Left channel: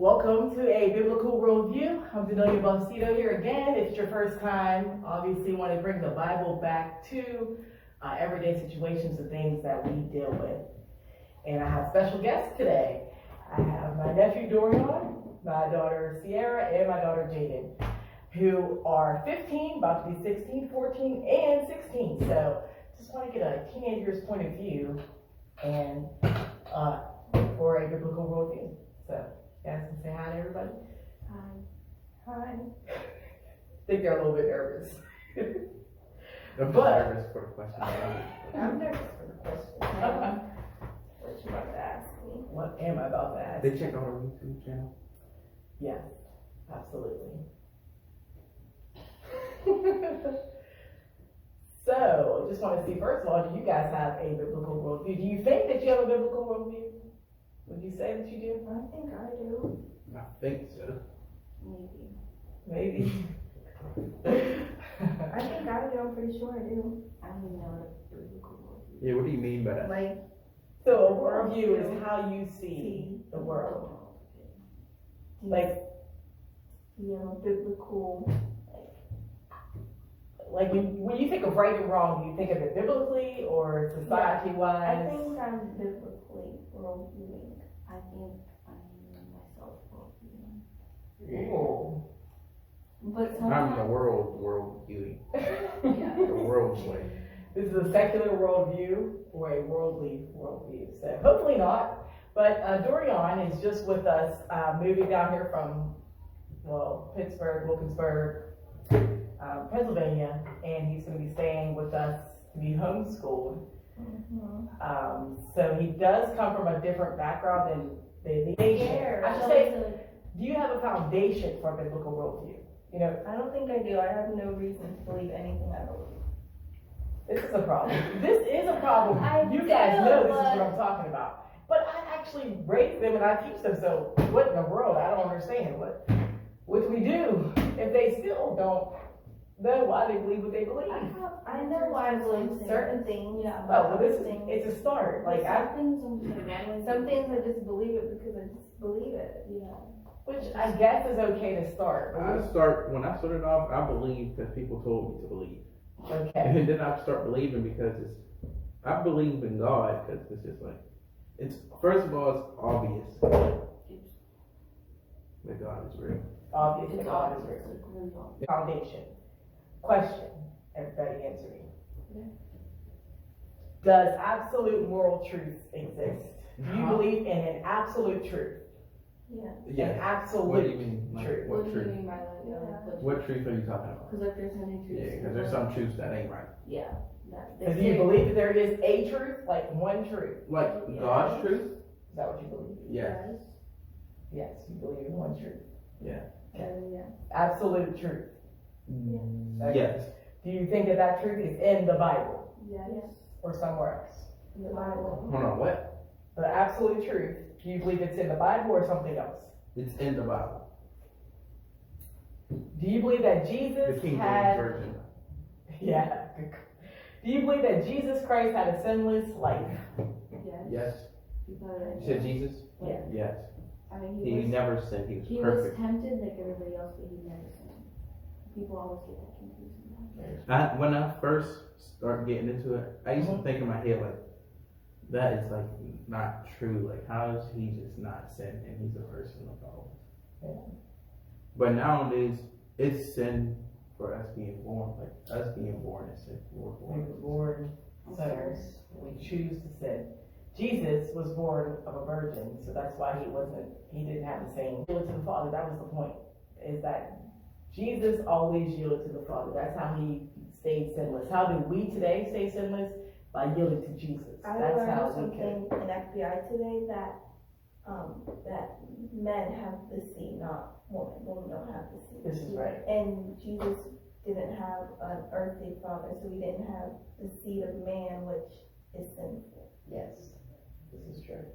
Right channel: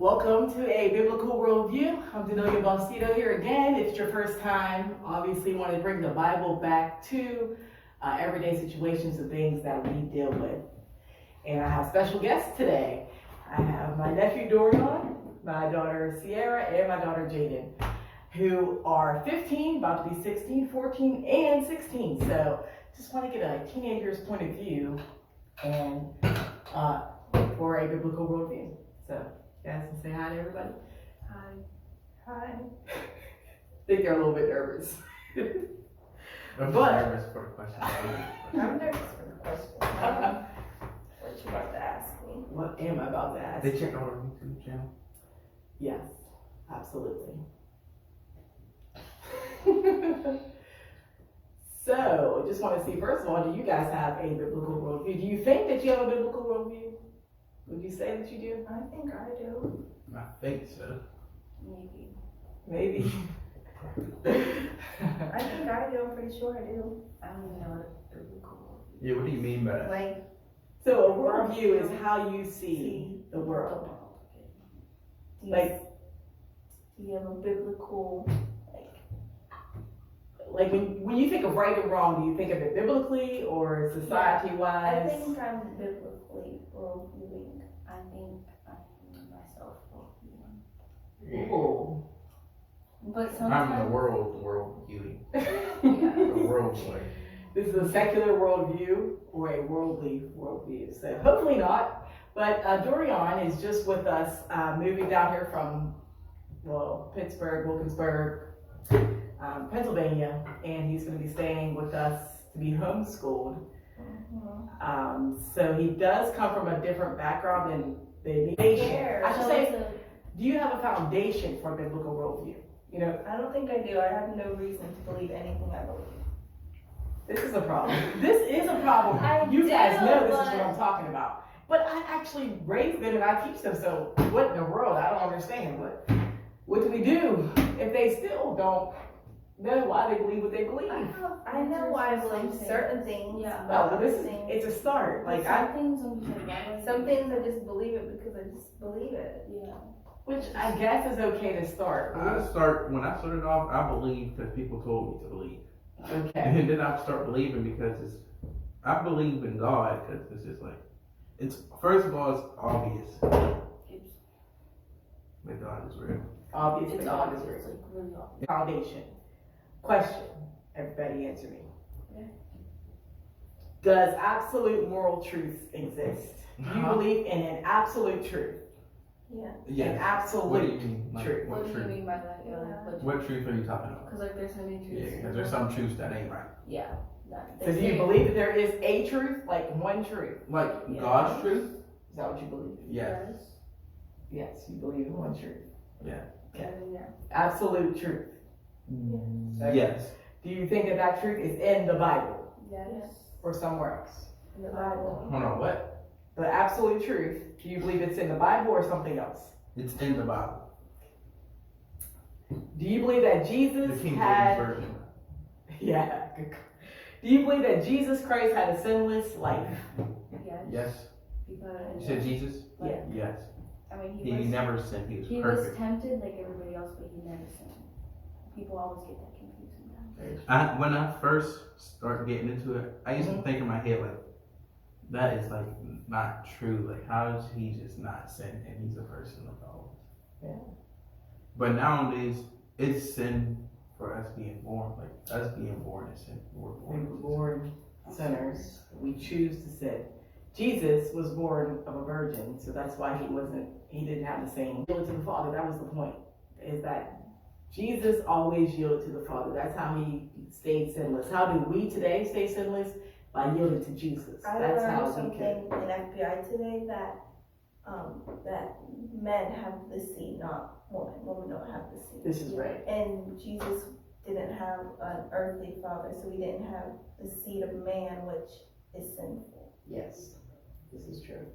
Welcome to a Biblical Worldview. I'm Denelia Balsito here again. If it's your first time, obviously want to bring the Bible back to everyday situations and things that we deal with. And I have special guests today. I have my nephew Dorian, my daughter Sierra, and my daughter Jaden, who are 15, about to be 16, 14, and 16. So just want to get a teenager's point of view and for a Biblical Worldview. So guys can say hi to everybody. Hi. Hi. I think they're a little bit nervous. I'm But- nervous for the question. I'm nervous for the question. What you about to ask me? What am I about to ask? They check out our YouTube channel. Yes, absolutely. So, I just want to see, first of all, do you guys have a biblical worldview? Do you think that you have a biblical worldview? Would you say that you do? I think I do. I think so. Maybe. Maybe. I think I do. I'm pretty sure I do. I don't even know what a biblical worldview Yeah, what do you mean by that? is. Like, So, a worldview is how you see the world. Like, do you have a biblical, like when you think of right and wrong, do you think of it biblically or I society-wise? think I'm biblically worldviewing. I think I'm myself worldviewing. Ooh. But I'm sometimes. the world viewing. Yeah. The world way. This is a secular worldview or a worldly worldview. So hopefully not. But Dorian is just with us, moving down here from, Pittsburgh, Wilkinsburg, Pennsylvania, and he's going to be staying with us to be homeschooled. Mhm. So he does come from a different background than the Scared. I should say, do you have a foundation for a biblical worldview? You know, I don't think I do. I have no reason to believe anything I believe. this is a problem. This is a problem. You guys know this is what I'm talking about. But I actually raise them and I teach them, so what in the world? I don't understand. What do we do if they still don't know why they believe what they believe? I know why I believe certain things. Yeah. Well, this is, things. it's a start. Like some things I'm just like, why do I Some do things I just believe it because I just believe it. that? Yeah. which I guess is okay to start. When I started off, I believed because people told me to believe. Okay. And then I start believing because I believe in God because it's just like, first of all, it's obvious that God is real. Obviously, It's God is obvious, real. like really obvious. Foundation. Question. Everybody answer me. Yeah. Does absolute moral truth exist? Do you believe in an absolute truth? Yeah. An Yes. What do you absolute mean? Like, truth. What what do you truth? mean by that? Yeah, like, What truth are you talking about? Because like there's so many truths. Yeah, because there's some truths that ain't right. Yeah. That, So do you believe that there is a truth, like one truth? Like Yeah. God's truth? Is that what you believe? Yes. Yes, you believe in one truth. Yeah. Yeah. Absolute truth. Yes. Do you think that that truth is in the Bible Yes. or somewhere else? In the Bible. Hold on, what? The absolute truth, do you believe it's in the Bible or something else? It's in the Bible. Do you believe that Jesus The King James had, Version. yeah. Do you believe that Jesus Christ had a sinless life? Yes. Yes. Because You said Jesus? Yeah. Yes. I mean He never sinned. He was he was perfect. tempted like everybody else, but he never sinned. People always get that confused sometimes. When I first started getting into it, I used to think in my head like, that is like not true. Like, how is he just not sin and he's a person like all of us? Yeah. But nowadays, it's sin for us being born. Like us being born is sin. We're We were born. born sinners. We choose to sin. Jesus was born of a virgin, so that's why he didn't have the same yield to the Father. That was the point, is that Jesus always yielded to the Father. That's how he stayed sinless. How do we today stay sinless? By yielding to Jesus. I That's learned how we something can. in FBI today that men have the seed, not women. Women don't have the seed. This is right. And Jesus didn't have an earthly father, so he didn't have the seed of man, which is sinful. Yes, this is true.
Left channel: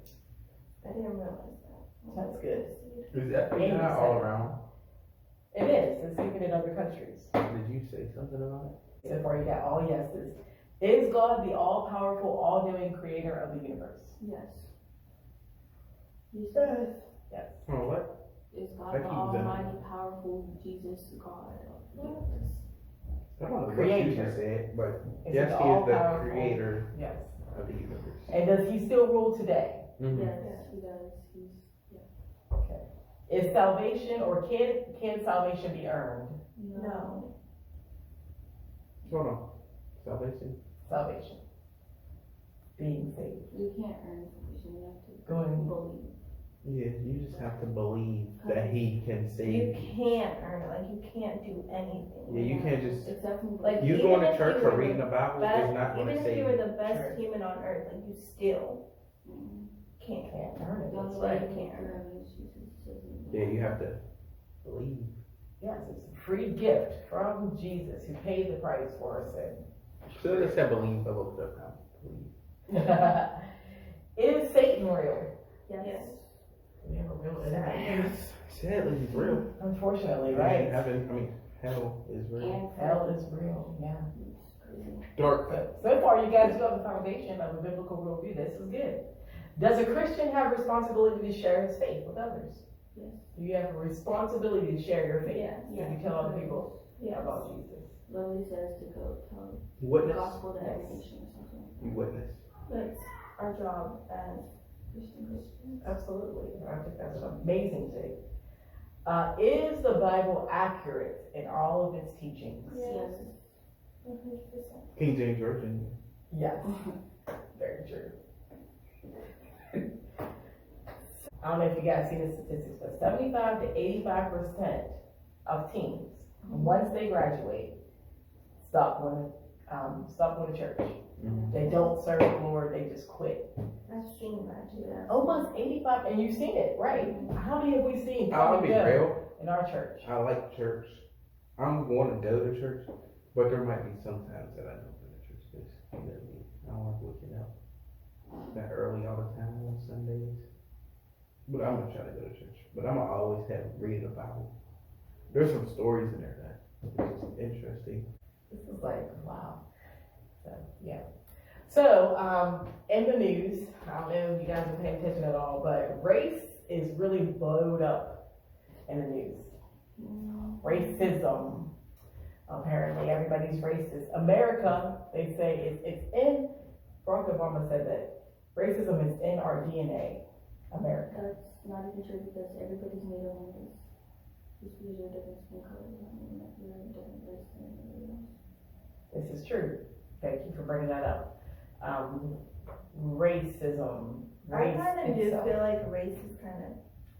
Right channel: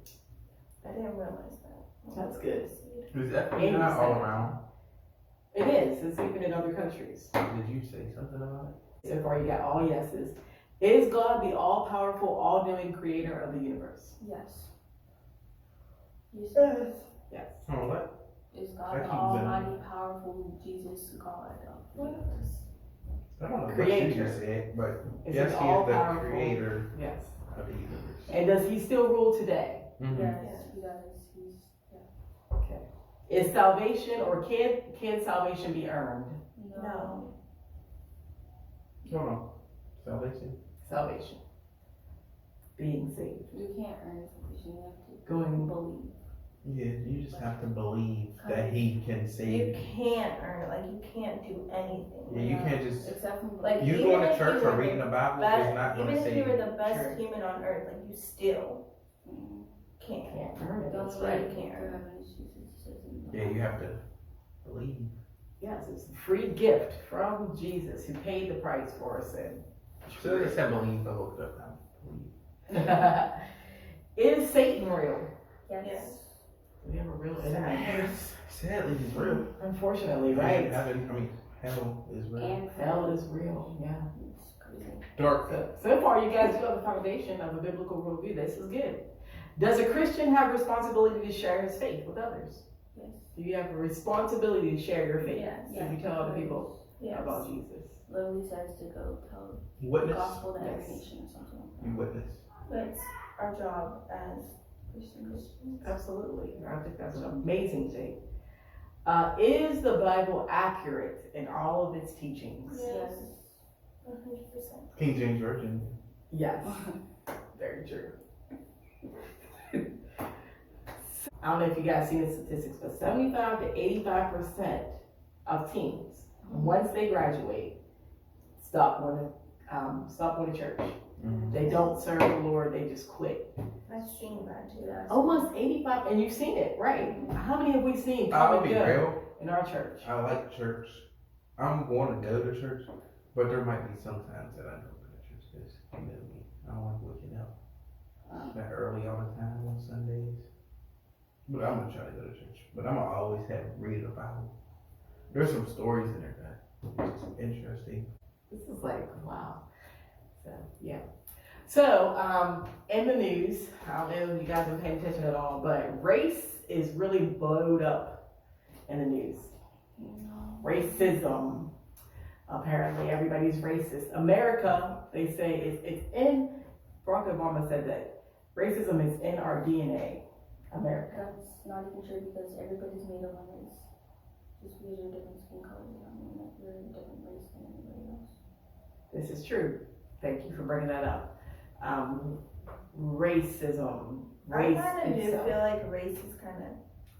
I didn't realize that. That's good. Is that Amen. not all around? It is. It's even in other countries. Did you say something about it? So far, you got all yeses. Is God the all-powerful, all-knowing creator of the universe? Yes. You Yes. said Yes. Oh, what? Is God That the keeps them- Almighty, powerful Jesus God of the Yes. universe? I don't know what Creator. Jesus said, but Is yes, it he is the all-powerful? creator Yes. of the universe. And does he still rule today? Mhm. Yes, Yes. he does. He's Okay. Is salvation, or can salvation be earned? No. Hold on. Salvation? Salvation. Being saved. You can't earn salvation. You have to Going. believe. Yeah, you just have to believe that he can You save you. can't earn it, like you can't do anything. Yeah, you can't just, Except from Like, you even going to if church you or were reading the the Bible is Best, not going even to if save you were you. the best Sure. human on earth, like you still mm, can't. Can't earn it. the That's only way right. you can earn heaven is Jesus says in the Yeah, you have to believe. Yes, it's a free gift from Jesus who paid the price for our sin. So they said believe, I looked it up now. Believe. Is Satan real? Yes. Yes. We have a real Sad. enemy. Sadly, he's real. Unfortunately, right? Heaven, hell is real. And Hell is real, yeah. It's crazy. Dark. So far, you guys do have the foundation of a biblical worldview. This is good. Does a Christian have responsibility to share his faith with others? Yes. Do you have a responsibility to share your faith? Yes. So you tell other people Yes. about Jesus. Literally says to go tell the Witness. gospel to every Yes. nation or something. You witness. That's our job as Christians. Absolutely. I think that's an amazing thing. Is the Bible accurate in all of its teachings? Yes. 100%. King James Version. Yes. Very true. I don't know if you guys seen the statistics, but 75 to 85% of teens, once they graduate, stop going to church. Mhm. They don't serve the Lord, they just quit. I've seen that too. Almost 85, and you've seen it, right? How many have we seen come I'll and be go real. in our church? I like church. I'm going to go to church, but there might be some times that I don't go to church because, you know me, I don't like waking up that early all the time on Sundays. But I'm gonna try to go to church. But I'm gonna always read the Bible. There's some stories in there that is interesting. This is like, wow. So, yeah. So, in the news, I don't know if you guys are paying attention at all, but race is really blowed up in the news. Racism. Apparently, everybody's racist. America, they say, it's in, Barack Obama said that racism is in our DNA. America. That's not even true because everybody's made of one race. Just because you're different skin color does not mean that you're a different race than anybody else. This is true. Thank you for bringing that up. Racism. I Race kind of do itself. feel like race is kind of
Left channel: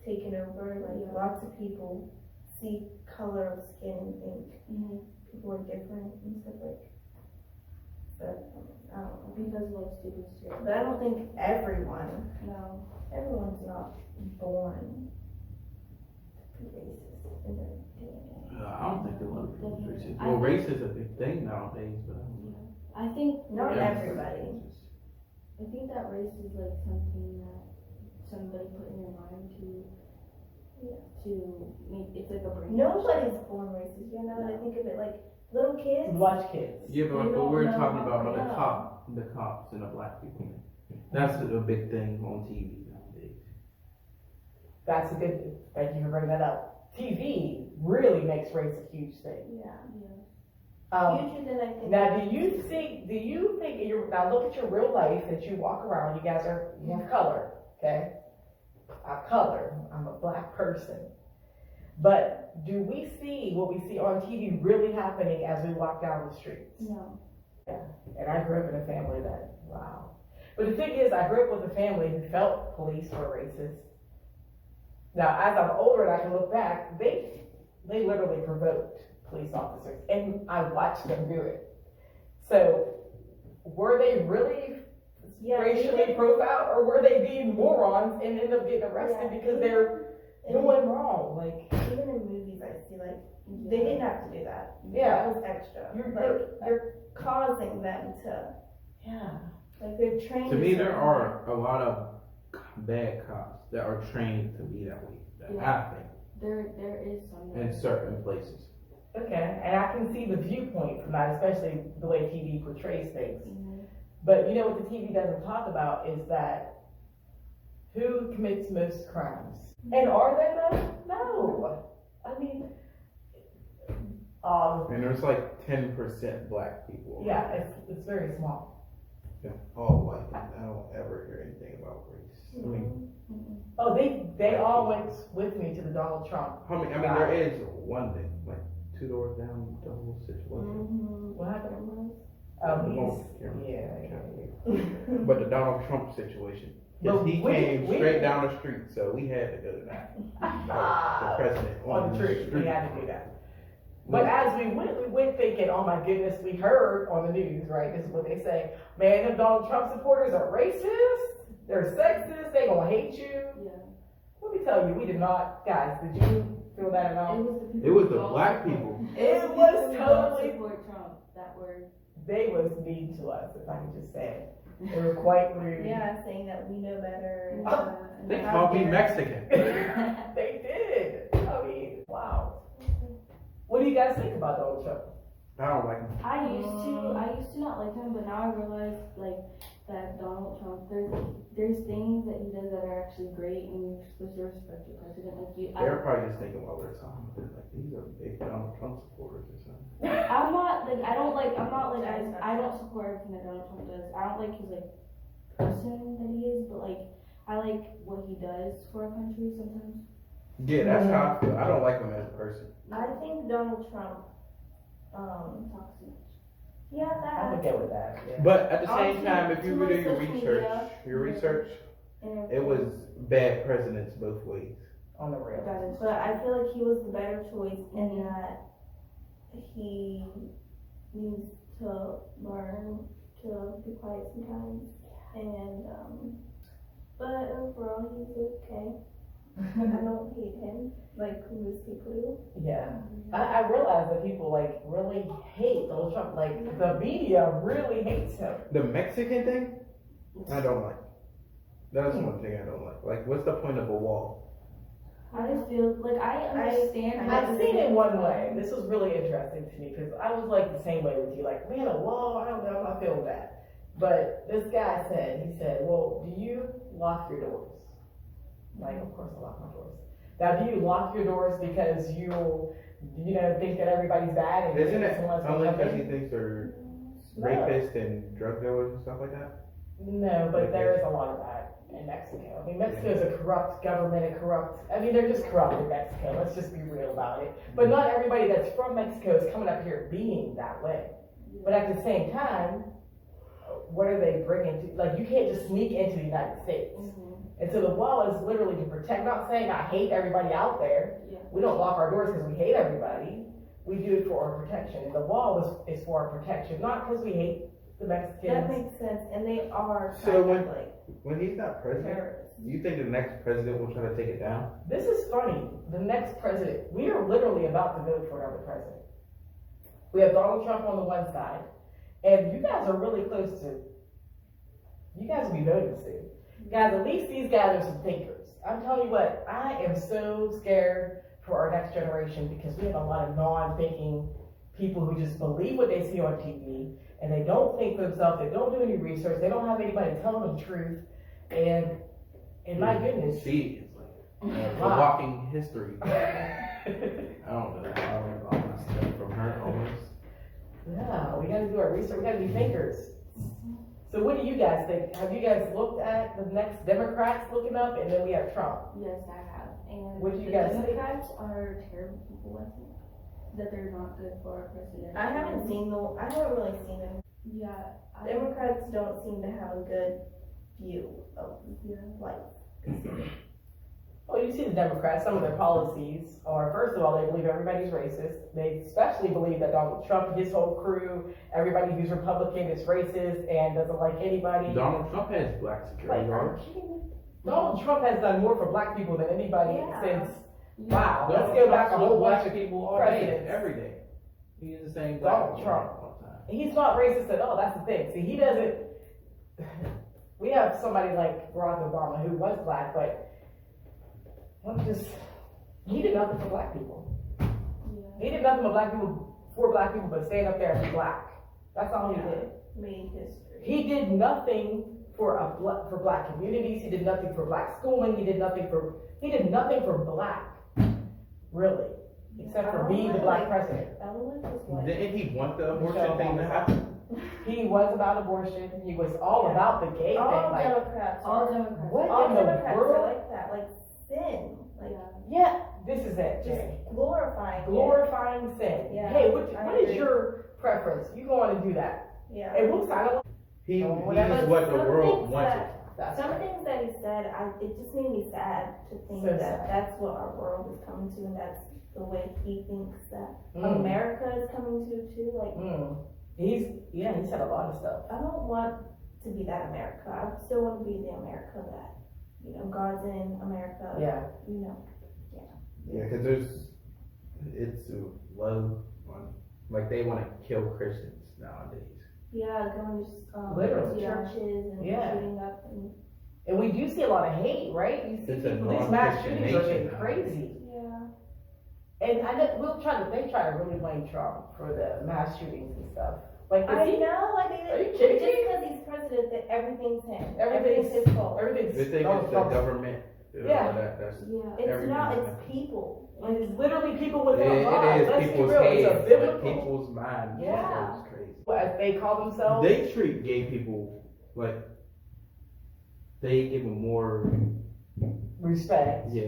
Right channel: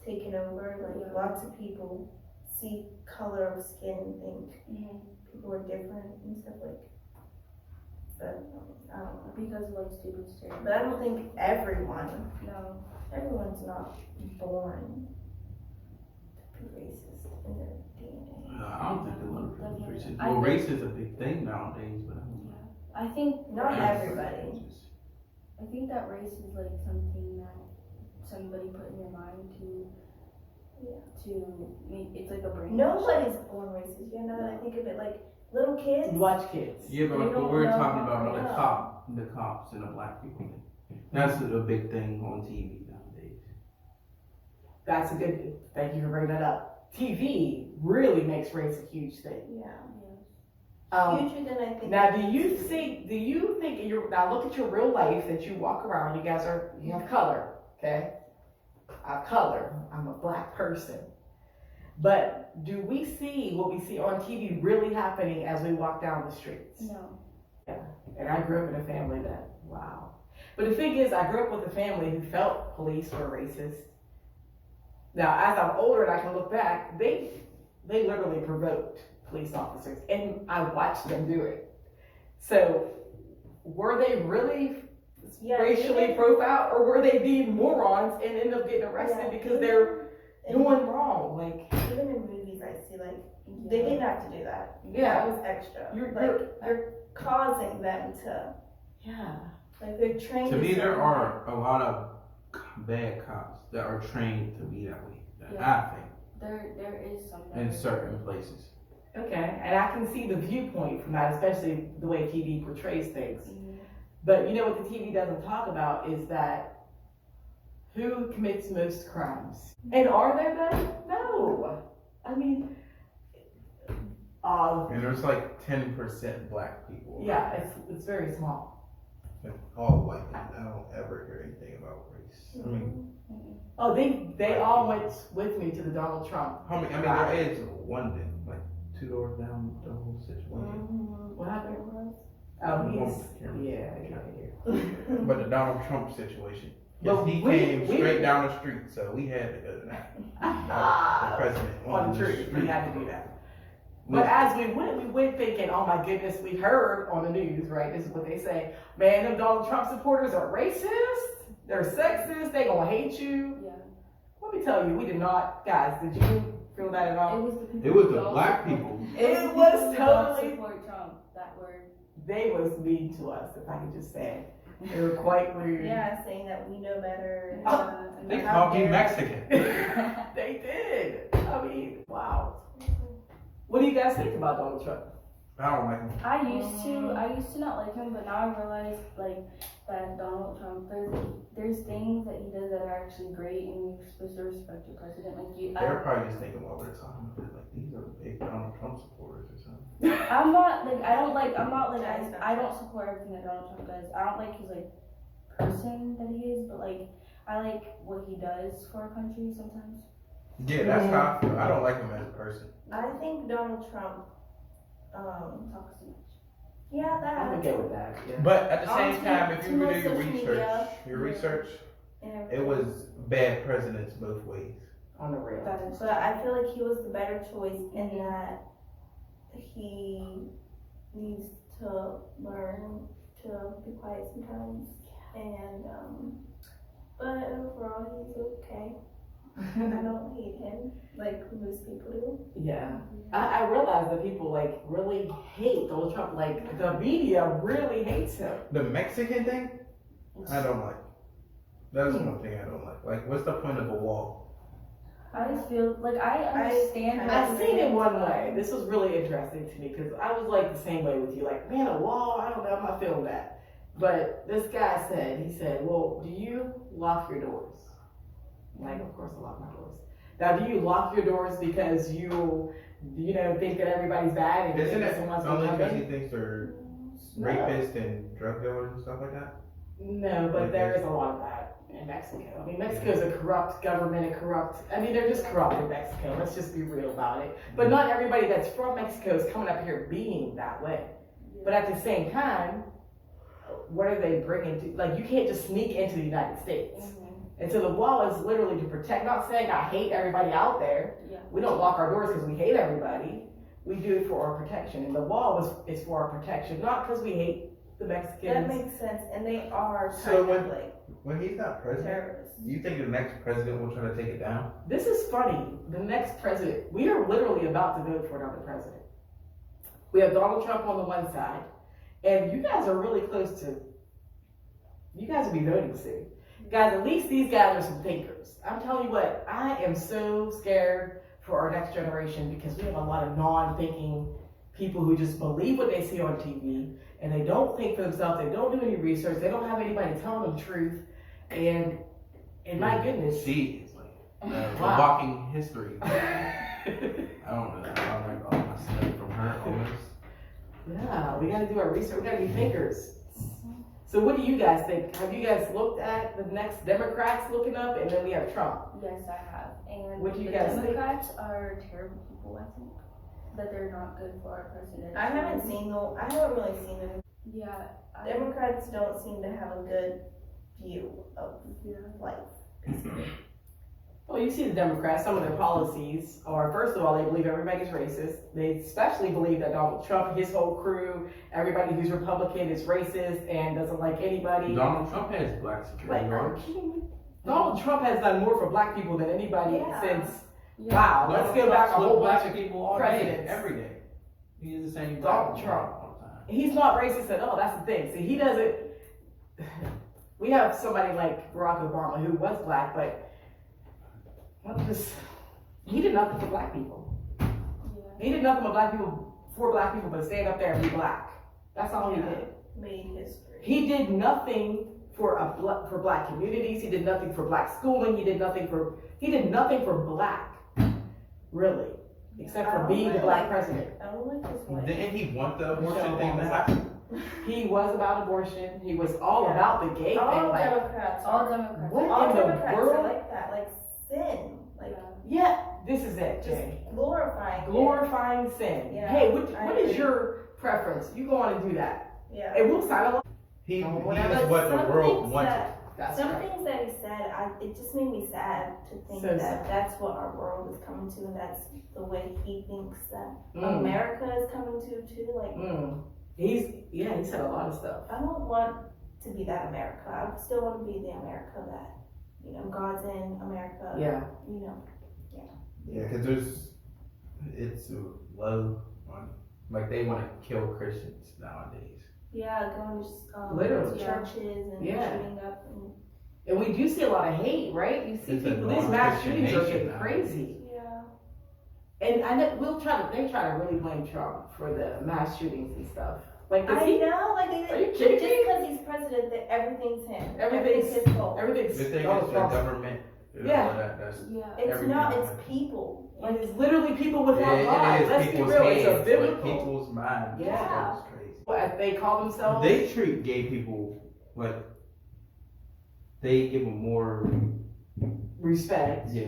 taken over. Like lots of people see color of skin and think people are different and stuff like. But I don't know. Because of like stupid stereotypes. But I don't think everyone's No. not born to be racist in their DNA. No, I don't think a lot of people Definitely. racist. I Well, think- race is a big thing nowadays, but I don't know. I think Not race- everybody. I think that race is like something that somebody put in your mind to make it's like a brain. Nobody's born racist. You know that I think of it like little kids. Watch kids. Yeah, but They what don't we're know talking how about to the cops and the black people. That's a big thing on TV nowadays. That's a good, thank you for bringing that up. TV really makes race a huge thing. Yeah. Um, Future than I think. now, do you think now look at your real life that you walk around, you have color, okay? I'm a black person. But do we see what we see on TV really happening as we walk down the streets? No. And I grew up in a family that, wow. But the thing is, I grew up with a family who felt police were racist. Now, as I'm older and I can look back, they literally provoked police officers, and I watched them do it. So, were they really racially profiled, or were they being morons and end up getting arrested because they're doing wrong? Like, even in movies, I see like they didn't have to do that. yeah, That was extra. You're- You're causing them to yeah. like they're trained. To me, a there certain are a lot of bad cops that are trained to be that way. Yeah. I think There is some that in are- certain places. Okay, and I can see the viewpoint from that, especially the way TV portrays things. Mhm. But you know what the TV doesn't talk about is that who commits most crimes. And are there that? No. I mean, And there's like 10% black people. yeah, it's very small. And all white, and I don't ever hear anything about race. I mean, Oh, they all went with me to the Donald Trump. I mean, there is one thing, like 2 doors down the whole situation. What happened? Oh, But the Donald Trump situation, But he we- came we- straight down the street, so we had to go to that. The president On the street, we had to do that. But as we went thinking, oh my goodness, we heard on the news, right? This is what they say. Man, them Donald Trump supporters are racist. They're sexist. They gonna hate you. Yeah. Let me tell you, we did not, guys. Did you feel that at all? It was the black people. It was totally. Support Trump. That word. They was mean to us, if I could just say it. They were quite rude. Yeah, saying that we know better. And, They how called me dare- Mexican. They did. I mean, wow. What do you guys think about Donald Trump? I don't like him. I used to not like him, but now I realize like that Donald Trump, there's things that he does that are actually great, and you're supposed to respect your president. Like They're probably just thinking while we're talking about it, like these are big Donald Trump supporters or something. I'm not like I don't support everything that Donald Trump does. I don't like his like person that he is, but like I like what he does for our country sometimes. Yeah, that's how I feel. I don't like him as a person. I think Donald Trump, Talks too much. yeah, I'm that. okay with that. Yeah. But at the same Honestly, time, if you too much do social your media. research, And it was bad presidents both ways. On the real. That is. But I feel like he was the better choice in that he needs to learn to be quiet sometimes. And, but overall, he's okay. I don't hate him like most people do. Yeah. I realize that people like really hate Donald Trump. Like the media really hates him. The Mexican thing, I don't like. That's one thing I don't like. Like, what's the point of a wall? I just feel like I understand. I seen it one way. This was really interesting to me because I was like the same way with you. Like, man, a wall, I don't know, I'm not feeling that. But this guy said, well, do you lock your doors? Like, of course I lock my doors. Now, do you lock your doors because you think that everybody's bad and Isn't it someone's only gonna come because he in? thinks they're No. rapists and drug dealers and stuff like that? No, but there is a lot of that in Mexico. I mean, Mexico's a corrupt government, they're just corrupt in Mexico. Let's just be real about it. But not everybody that's from Mexico is coming up here being that way. But at the same time, what are they bringing to, like, you can't just sneak into the United States. And so the wall is literally to protect, not saying I hate everybody out there. Yeah. We don't lock our doors because we hate everybody. We do it for our protection. And the wall is for our protection, not because we hate the Mexicans. That makes sense, and they are So kind when- of like When he's not president, terrorists. you think the next president will try to take it down? This is funny. The next president, we are literally about to vote for another president. We have Donald Trump on the one side, and you guys are really close to, you guys will be voting soon. Guys, at least these guys are some thinkers. I'm telling you what, I am so scared for our next generation because we have a lot of non-thinking people who just believe what they see on TV, and they don't think for themselves, they don't do any research, they don't have anybody telling them the truth, and my goodness. She is like a Wow. walking history. I don't know. I learned all my stuff from her almost. Yeah, we gotta do our research, we gotta be thinkers. So what do you guys think? Have you guys looked at the next Democrats looking up, and then we have Trump? Yes, I have. And What do you the guys think? Democrats are terrible people, I think. That they're not good for our president. I haven't really seen them. Yeah. Democrats don't seem to have a good view of life. Well, you see the Democrats, some of their policies are, first of all, they believe everybody's racist. They especially believe that Donald Trump, his whole crew, everybody who's Republican is racist and doesn't like anybody. Donald Trump has black security guards. Donald Trump has done more for black people than anybody Yeah. since, Yeah. wow, let's go back a whole bunch of people all presidents. day, every day. He is the same Donald guy Trump. all the time. He's not racist at all, that's the thing. See, he doesn't, we have somebody like Barack Obama who was black, but he did nothing for black people. Yeah. He did nothing for black people but stand up there and be black. That's all he did. Made history. He did nothing for black communities. He did nothing for black schooling. He did nothing for black, really, except for being the black president. I don't like this one. Didn't he want the abortion thing to happen? He was about abortion. He was all about the gay All thing. Like, Democrats. All Democrats. what All in the Democrats world? are like that. Like sin. Like Yeah, this is it, just Jay. glorifying. Glorifying sin. Yeah, Hey, I what is agree. your preference? You go on and do that. Yeah. And we'll sign along. He Whatever. is what the Some world things wanted. That's Some right. things that he said, it just made me sad to think So that sad. that's what our world is coming to, and that's the way he thinks that Mm. America is coming to too. Like, He said a lot of stuff. I don't want to be that America. I still want to be the America that, God's in America. Yeah. Yeah, because it's low on, like they want to kill Christians nowadays. Yeah, going Literally. to churches and Yeah. shooting up and And we do see a lot of hate, right? You see It's a people, these mass non-Christian shootings are nation getting nowadays. crazy. yeah. And I know they try to really blame Trump for the mass shootings and stuff. Like, does I he, know, like are you kidding just me? because he's president, that everything's him. Everything's- his fault. Everything's They think Donald it's the Trump. government. Yeah. That's Yeah. It's everything not. It's happens. people. Like, it's literally people without God. it is Let's be people's real. It's a heads, biblical. like people's minds. Yeah. It's crazy. What they call themselves. They treat gay people like they give them more, respect. yeah,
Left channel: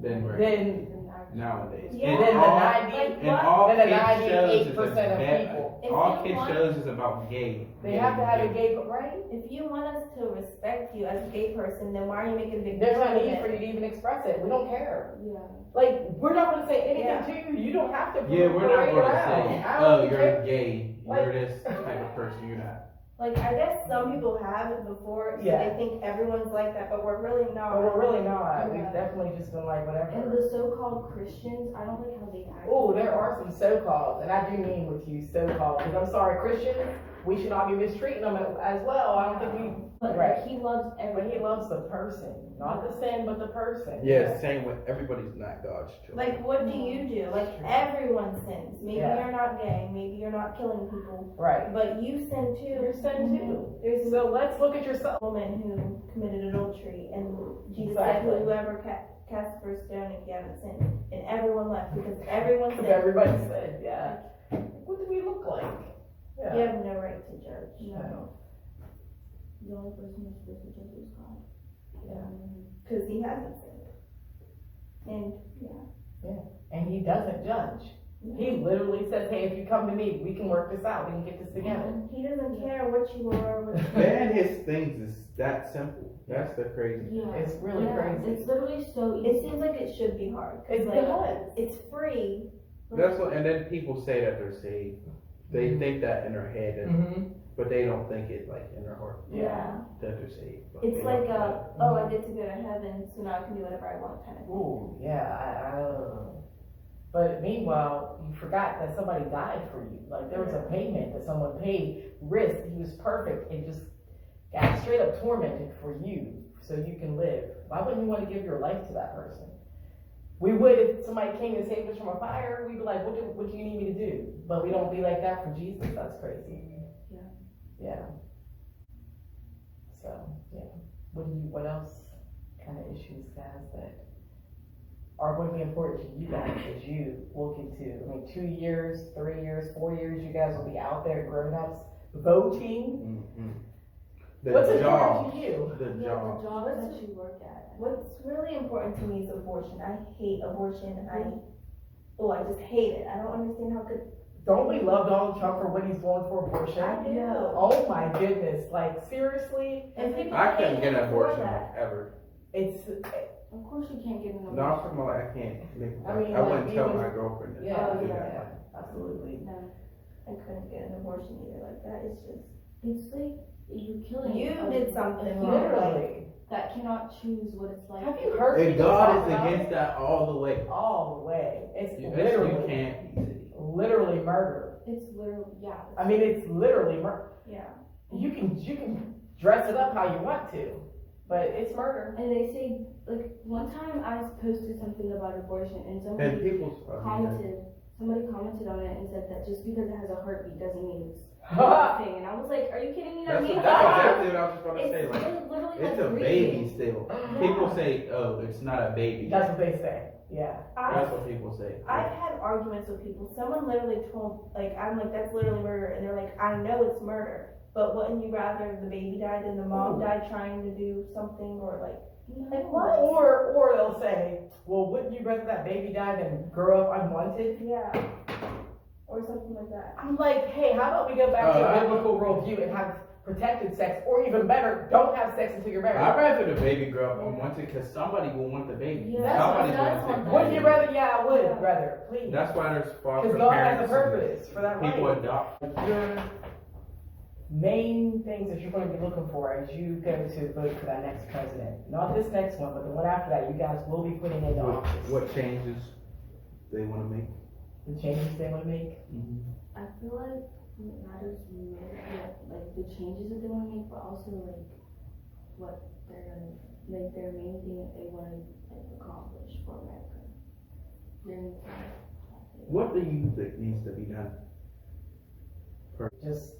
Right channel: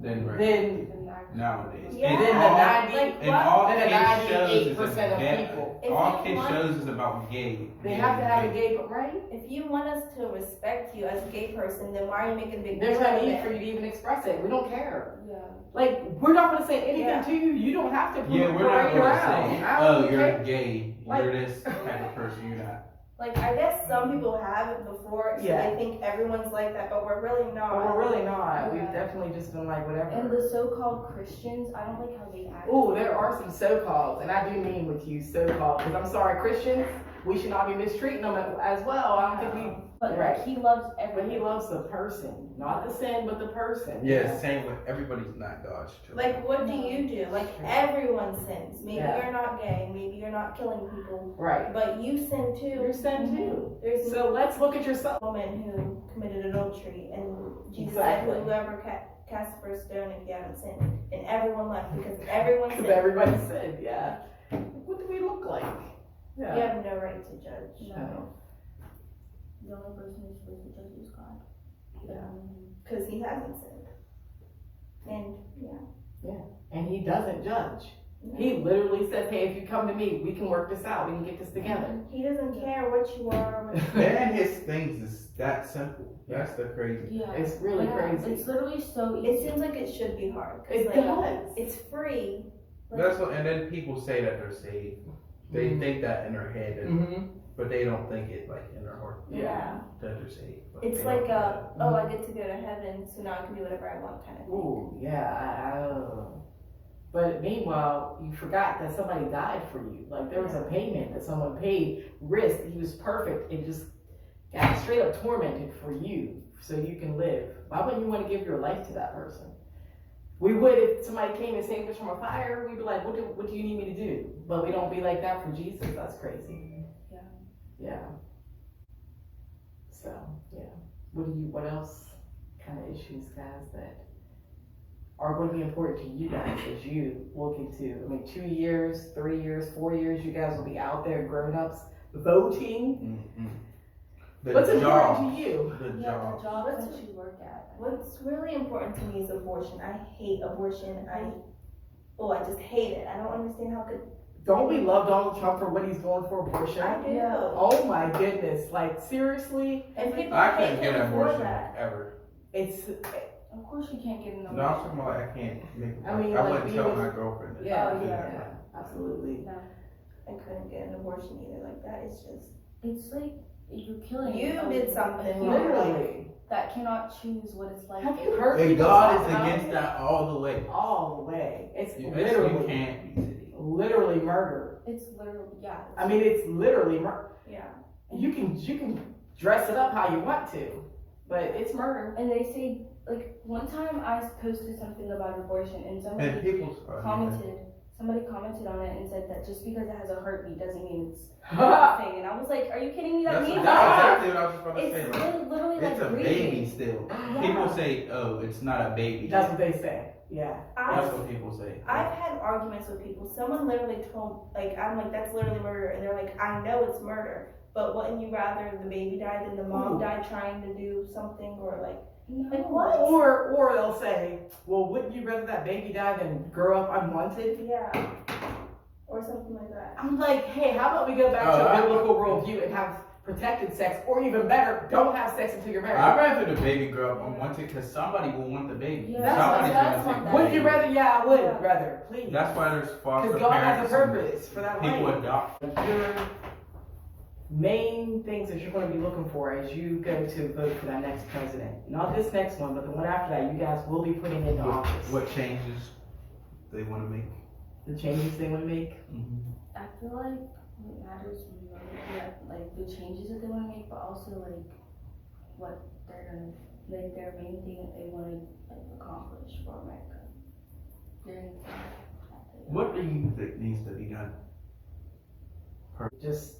than regular Then people nowadays. Yeah. And then the all- 90, Like, and all then the kids shows is 98% of about- people. If all you kids want- shows is about gay. they have to have a gay, right? If you want us to respect you as a gay person, then why are you making a big There's deal no out of need for you it? to even express it. We don't care. Yeah. Like, we're not gonna say anything Yeah. to you. You don't have to Yeah, we're not parade gonna around. say, I oh, don't you're care. gay, Like- you're this type of person, you're not. Like, I guess some people have it before, so Yeah. they think everyone's like that, but we're really not. But we're really not. We've Yeah. definitely just been like, And whatever. the so-called Christians, I don't like how they act. Oh, there are some so-called, and I do mean with you so-called, because I'm sorry, Christians, we should not be mistreating them as well. I don't think But Right. like, he loves but everyone. he loves the person, not the sin, but the person. Yeah, same with everybody's not God's children. Like, what do No. you do? Like, True. everyone sins. Maybe Yeah. you're not gay, maybe you're not killing people, Right. but you sin too. You're sin too. There's a So let's look at yourself. woman who committed adultery, and Jesus Exactly. said, whoever cast the first stone if you haven't sinned. And everyone left because everyone Because sinned. everybody said, yeah. What do we look like? You Yeah. have no right to judge. No. The only person who's supposed to judge is God. Yeah. Because he hasn't sinned. And, And he doesn't judge. He literally says, hey, if you come to me, we can work this out. We can get this together. he doesn't care what you are. What you And his things is that simple. That's the crazy. Yeah. It's really Yeah, crazy. It's literally so easy. It seems like it should be hard. 'cause, It like, does. It's free. That's what, and then people say that they're saved. They think that in their head, Mm-hmm. but they don't think it like in their heart Yeah. that they're saved. But It's they like don't. I get to go to heaven, so now I can do whatever I want kind of thing. Ooh, yeah. But meanwhile, you forgot that somebody died for you. Like there was a payment that someone paid, risked. He was perfect and just got straight up tormented for you so you can live. Why wouldn't you want to give your life to that person? We would if somebody came and saved us from a fire. We'd be like, what do you need me to do? But we don't be like that for Jesus. That's crazy. Yeah. Yeah. So yeah. What else kind of issues, guys, that are going to be important to you guys as you look into? I mean, 2 years, 3 years, 4 years, you guys will be out there, grown-ups, voting. Mhm. The What's job. important to you? The Yeah, job. the job that you work at. What's really important to me is abortion. I hate abortion. I just hate it. I don't understand how could. Don't we love Donald Trump for what he's doing for abortion? I do. Oh my goodness! Like seriously, And people I hate couldn't get him an for abortion that. ever. it's Of course you can't get an No, abortion. I'm like, I can't make. I mean, I like, wouldn't tell even- my girlfriend. that. yeah, Oh, yeah, absolutely. I couldn't get an abortion either. Like that is just. It's like you're killing You a- did something a wrong. human Literally. that cannot choose what it's like. Have you heard? And people God talk is about against it? that all the way. All the way. It's You literally, can't be city. literally murder. It's literally, yeah. I mean, it's literally murder. Yeah. You can dress it up how you want to, but it's murder. And they say, like, one time I posted something about abortion and And somebody people's commented on it and said that just because it has a heartbeat doesn't mean it's thing, and I was like, are you kidding me? That's means exactly what I was just about to it's say. Like, literally like it's a breathing. baby still. Yeah. People say, oh, it's not a baby. That's what they say, yeah. That's what people say. I've had arguments with people. Someone literally told, like, I'm like, that's literally murder. And they're like, I know it's murder, but wouldn't you rather the baby died than the mom died trying to do something? Or like what? Or they'll say, well, wouldn't you rather that baby die than grow up unwanted? Yeah. Or something like that. I'm like, hey, how about we go back to a biblical worldview and have protected sex, or even better, don't have sex until you're married. I'd rather the baby grow up unwanted because somebody will want the baby. Yeah, Somebody's that's gonna take the Wouldn't you baby. rather? Yeah, I would rather, please. That's why there's foster Because God has parents a purpose for that and people right. adopt. Your main things that you're going to be looking for as you go to vote for that next president. Not this next one, but the one after that, you guys will be putting into office. What changes they want to make? The changes they want to make. I feel like what matters most, like the changes that they want to make, but also like what they're gonna, like their main thing that they want to like accomplish for America. What do you think needs to be done? Just,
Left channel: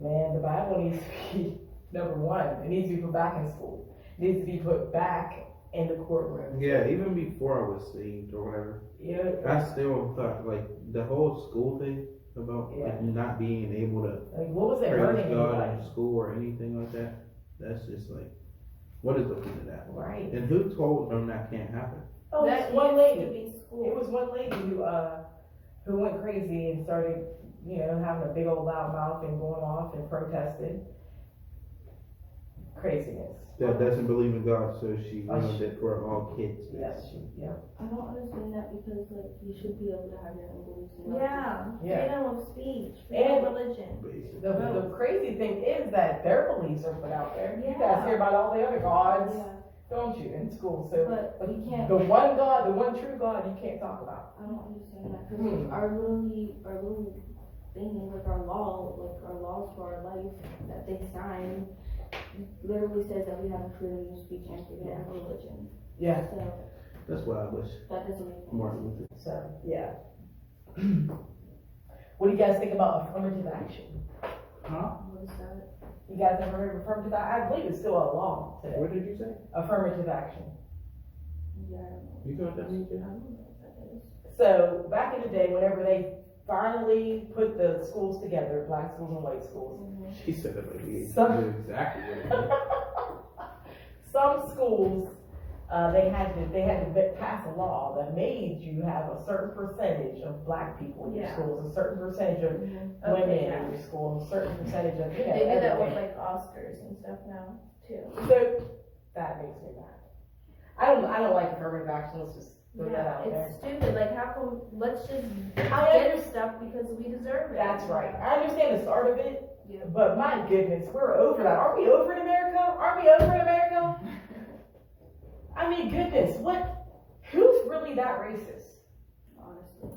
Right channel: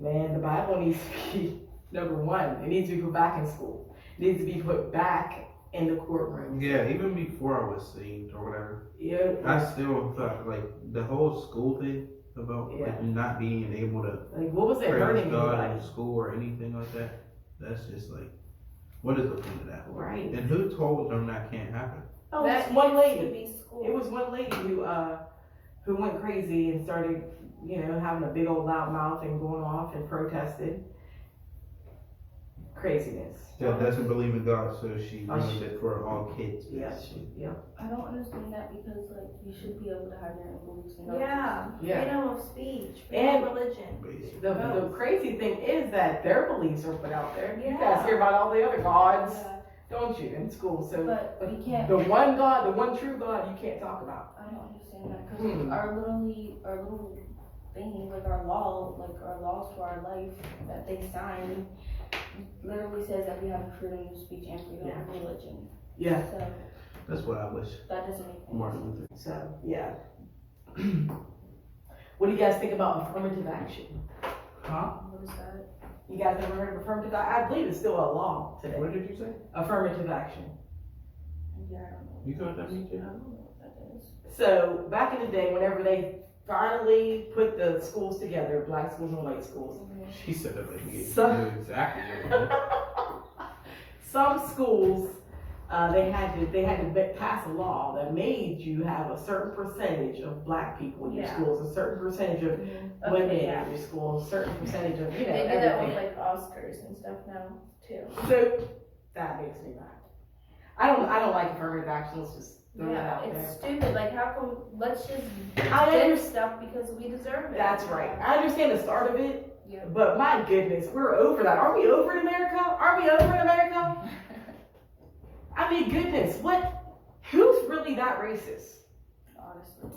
man, the Bible needs to be, number one, it needs to be put back in school. It needs to be put back in the courtroom. Yeah, even before I was saved or whatever, Yeah, I still thought like the whole school thing about like not being able to like what was it praise hurting me God like? in school or anything like that. That's just like, what is the point of that? Right. And who told them that can't happen? Oh, That it's one used lady. to be school. It was one lady who went crazy and started, having a big old loud mouth and going off and protested. Craziness. That doesn't believe in God, so she Oh, ruined it for all kids. Yes. Yep. I don't understand that because like you should be able to have your own beliefs and Yeah. Yeah. Freedom of speech, freedom And- of religion. Basically. The crazy thing is that their beliefs are put out there. You guys Yeah. hear about all the other gods, Yeah, don't you, in school? So but we can't. the one God, the one true God, you can't talk about. I don't understand that because our little thing, like our laws for our life that they signed, literally says that we have freedom of speech and freedom of religion. Yeah. So That's what I wish that doesn't make sense. Martin Luther. So yeah. What do you guys think about affirmative action? Huh? What is that? You guys ever heard of affirmative action? I believe it's still a law today. What did you say? Affirmative action. Yeah, I don't know. You know what that means? I don't know what that is. So back in the day, whenever they finally put the schools together, black schools and white schools, She said it like you Some- knew exactly what it was. some schools they had to pass a law that made you have a certain percentage of black people in your Yeah. schools, a certain percentage of women in your schools, a certain percentage of They do that with everything. like Oscars and stuff now too. So that makes me mad. I don't like affirmative action. Let's just throw that Yeah, out there. it's stupid. Like, how come? Let's just I get understand. stuff because we deserve it. That's right. I understand the start of it, Yeah. but my goodness, we're over that. Aren't we over in America? Aren't we over in America? I mean, goodness, who's really that racist? Honestly.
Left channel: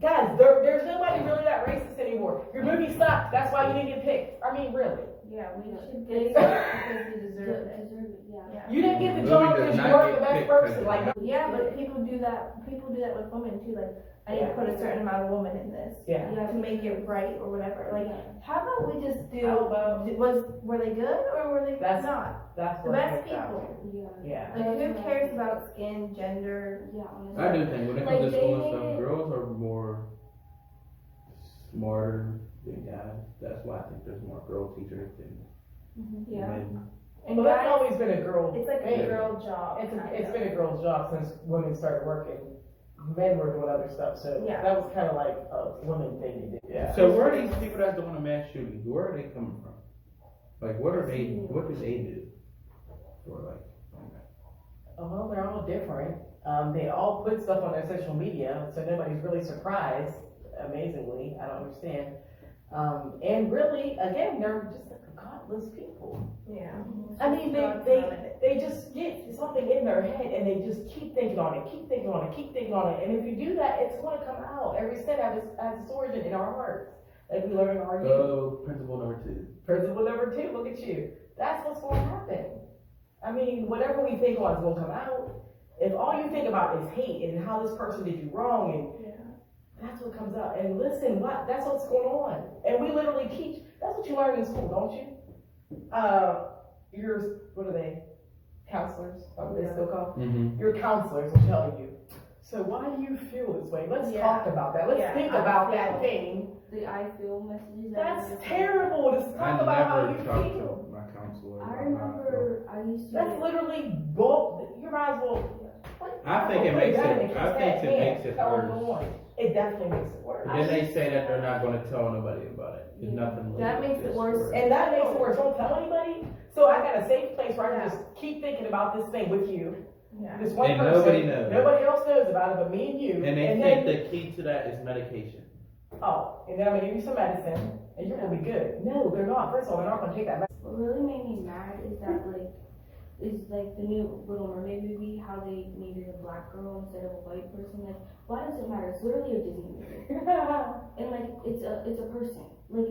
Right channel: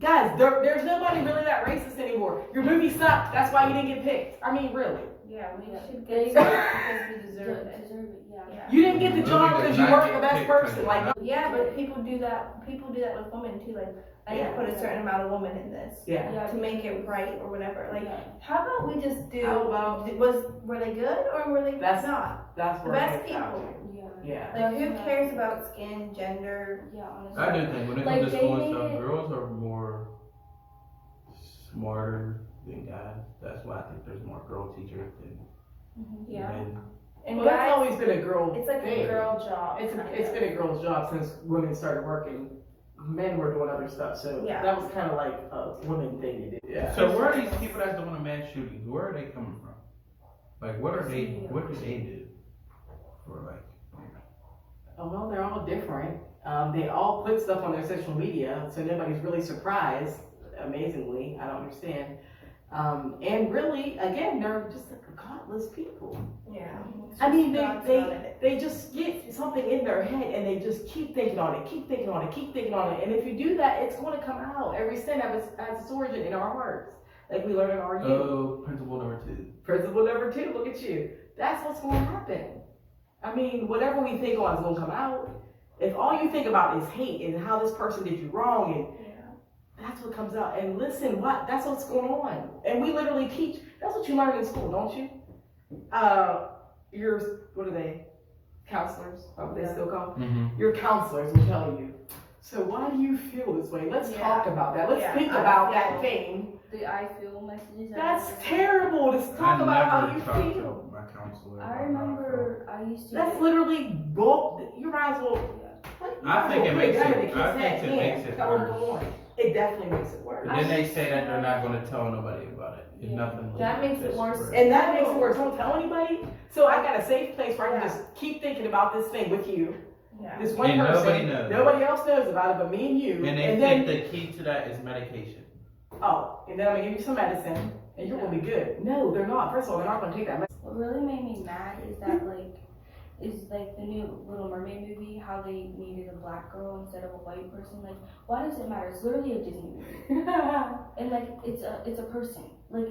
Guys, there's nobody really that racist anymore. Your movie sucked, that's why you didn't get picked. I mean, really. Yeah, we Yeah. should They- get stuff because we deserve it. Yeah. Yeah. You didn't get the Movie job does because you not weren't get the best picked person. because Like, you're not- Yeah, but people do that. People do that with women too. Like, I need to put a certain amount of women in this yeah. Yeah, to make it right or whatever. Like, yeah. how about we just do? How about- were they good or were they That's- not? That's The where it best gets out. people. Yeah. Yeah. Like, who cares about skin, gender? Yeah, honestly. I do think when it Like, comes to they school and made stuff, it- girls are more smarter than guys. That's why I think there's more girl teachers than Yeah. men. And Well, that's guys, always been a girl it's like thing. a girl job. It's kind of. been a girl's job since women started working. Men were doing other stuff, so Yeah. that was kind of like a woman thing to do. Yeah. So where are these people that's doing a mass shootings? Where are they coming from? Like, what do they do for like? Oh, well, they're all different. They all put stuff on their social media, so nobody's really surprised. Amazingly, I don't understand. And really, again, they're just godless people. Yeah. I mean, God's not in it. they just get something in their head and they just keep thinking on it, keep thinking on it, keep thinking on it. And if you do that, it's going to come out. Every sin has its origin in our hearts, like we learned in our youth. Oh, principle number 2. Principle number 2, look at you. That's what's going to happen. I mean, whatever we think on is going to come out. If all you think about is hate and how this person did you wrong, and Yeah. That's what comes out. And listen, that's what's going on. And we literally teach, that's what you learn in school, don't you? What are they? Counselors, what they still call? Mm-hmm. Your counselors will tell you. So why do you feel this way? Let's talk about that. Let's think about that thing. The I feel messages. That's terrible. To talk about how you feel. My counselor. I remember I used to. That's literally bull. You might as well. I think it makes it. I think it makes it Tell them worse. go on. It definitely makes it worse. And then they say that they're not going to tell nobody about it. If nothing. That makes it worse. And that makes it worse. Don't tell anybody. So I got a safe place where I can just keep thinking about this thing with you. Yeah. This one And person. nobody knows. Nobody else knows about it but me and you. And they and think then, the key to that is medication. oh, and then I'm gonna give you some medicine and you're gonna be good. No, they're not. First of all, they're not gonna take that medicine. What really made me mad is that the new Little Mermaid movie, how they needed a black girl instead of a white person. Like, why does it matter? It's literally a Disney movie, and like it's a person. Like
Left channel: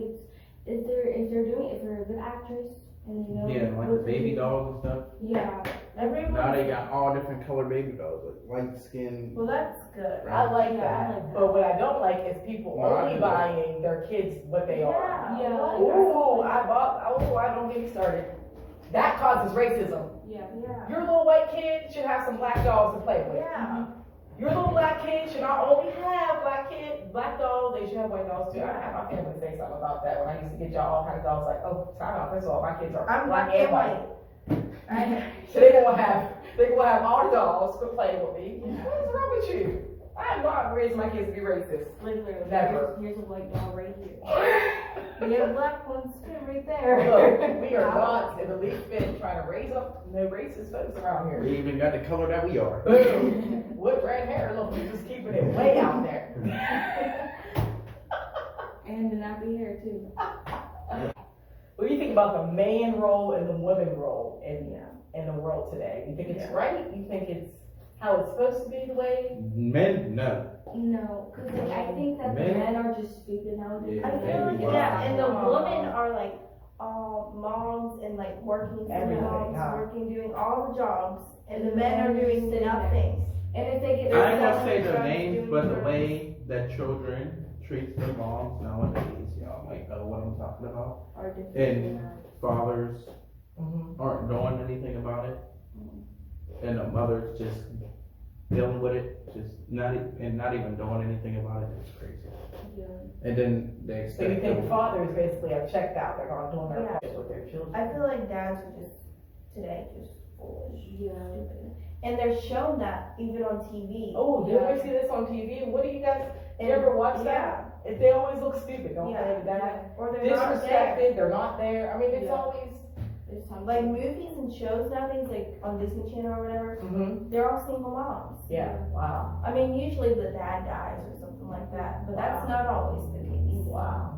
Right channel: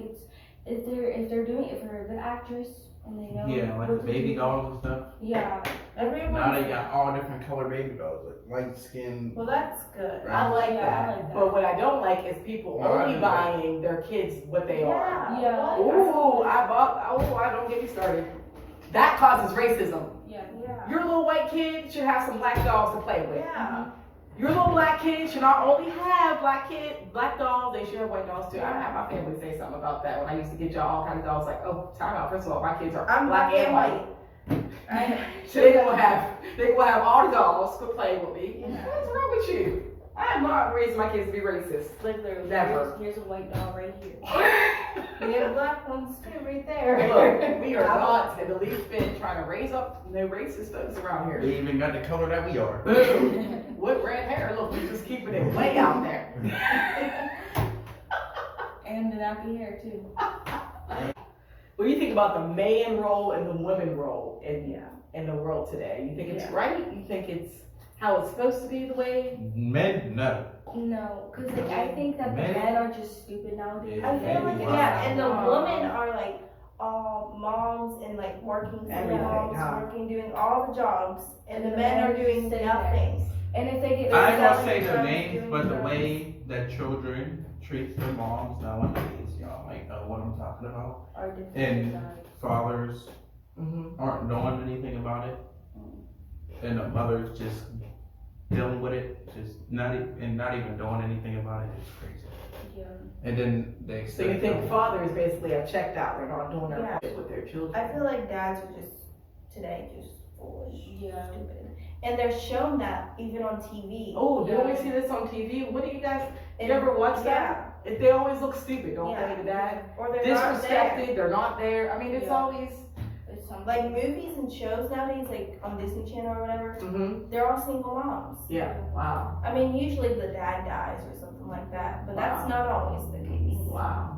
if they're a good actress and they know Yeah, like what the to baby do. dolls and stuff. Yeah, Now they got all different colored baby dolls, like light skin. Well, that's good. I like Yeah, that. I like that. But what I don't like is people Well, I only do. buying their kids what they are. Yeah. I don't get me started. That causes racism. yeah. Yeah. Your little white kid should have some black dolls to play with. Yeah. Your little black kid should not only have black dolls, they should have white dolls too. I had my family say something about that when I used to get y'all all kind of dolls. Like, oh, time out. First of all, my kids are I'm black black and and white. I So they gonna have all the dolls to play with me. Yeah. What's wrong with you? I am not raising my kids to be racist. Like literally, Never. here's a white doll right here. We have black ones too, right there. Look, we are not in the least bit trying to raise up no racist folks around here. They even got the color that we are. Boom. With red hair, look, we're just keeping it way out there. And the nappy hair too. What do you think about the man role and the women role in the world today? You think it's right? You think it's how it's supposed to be the way? Men, no. No, because like I think that the Men- men are just stupid nowadays. I feel like, Wow. yeah, and the women are like all moms and like working single Everything, moms, huh? doing all the jobs, and the And men are doing sitting there. nothing. And if they get I ain't gonna selling say their drugs, names, doing but the drugs. way that children treat their moms nowadays, y'all might know what I'm talking about. are different. And fathers Mm-hmm. aren't doing anything about it, and the mothers just dealing with it, just not even doing anything about it. It's crazy. Yeah. And then they So you expect think them- fathers basically have checked out? They're not doing their Yeah. part with their children. I feel like dads are just today just foolish, Yeah. stupid, and they're shown that even on TV. Oh, did Yeah. we see this on TV? What do you guys? And- You ever watch that? Yeah. If they always look stupid, don't Yeah. they? The dad Or they're not there. disrespected. They're not there. I mean, it's Yeah. always. It's something. Like movies and shows nowadays, like on Disney Channel or whatever, Mm-hmm. they're all single moms. Yeah. Wow. I mean, usually the dad dies or something like that, but that's Wow. not always the case. Wow.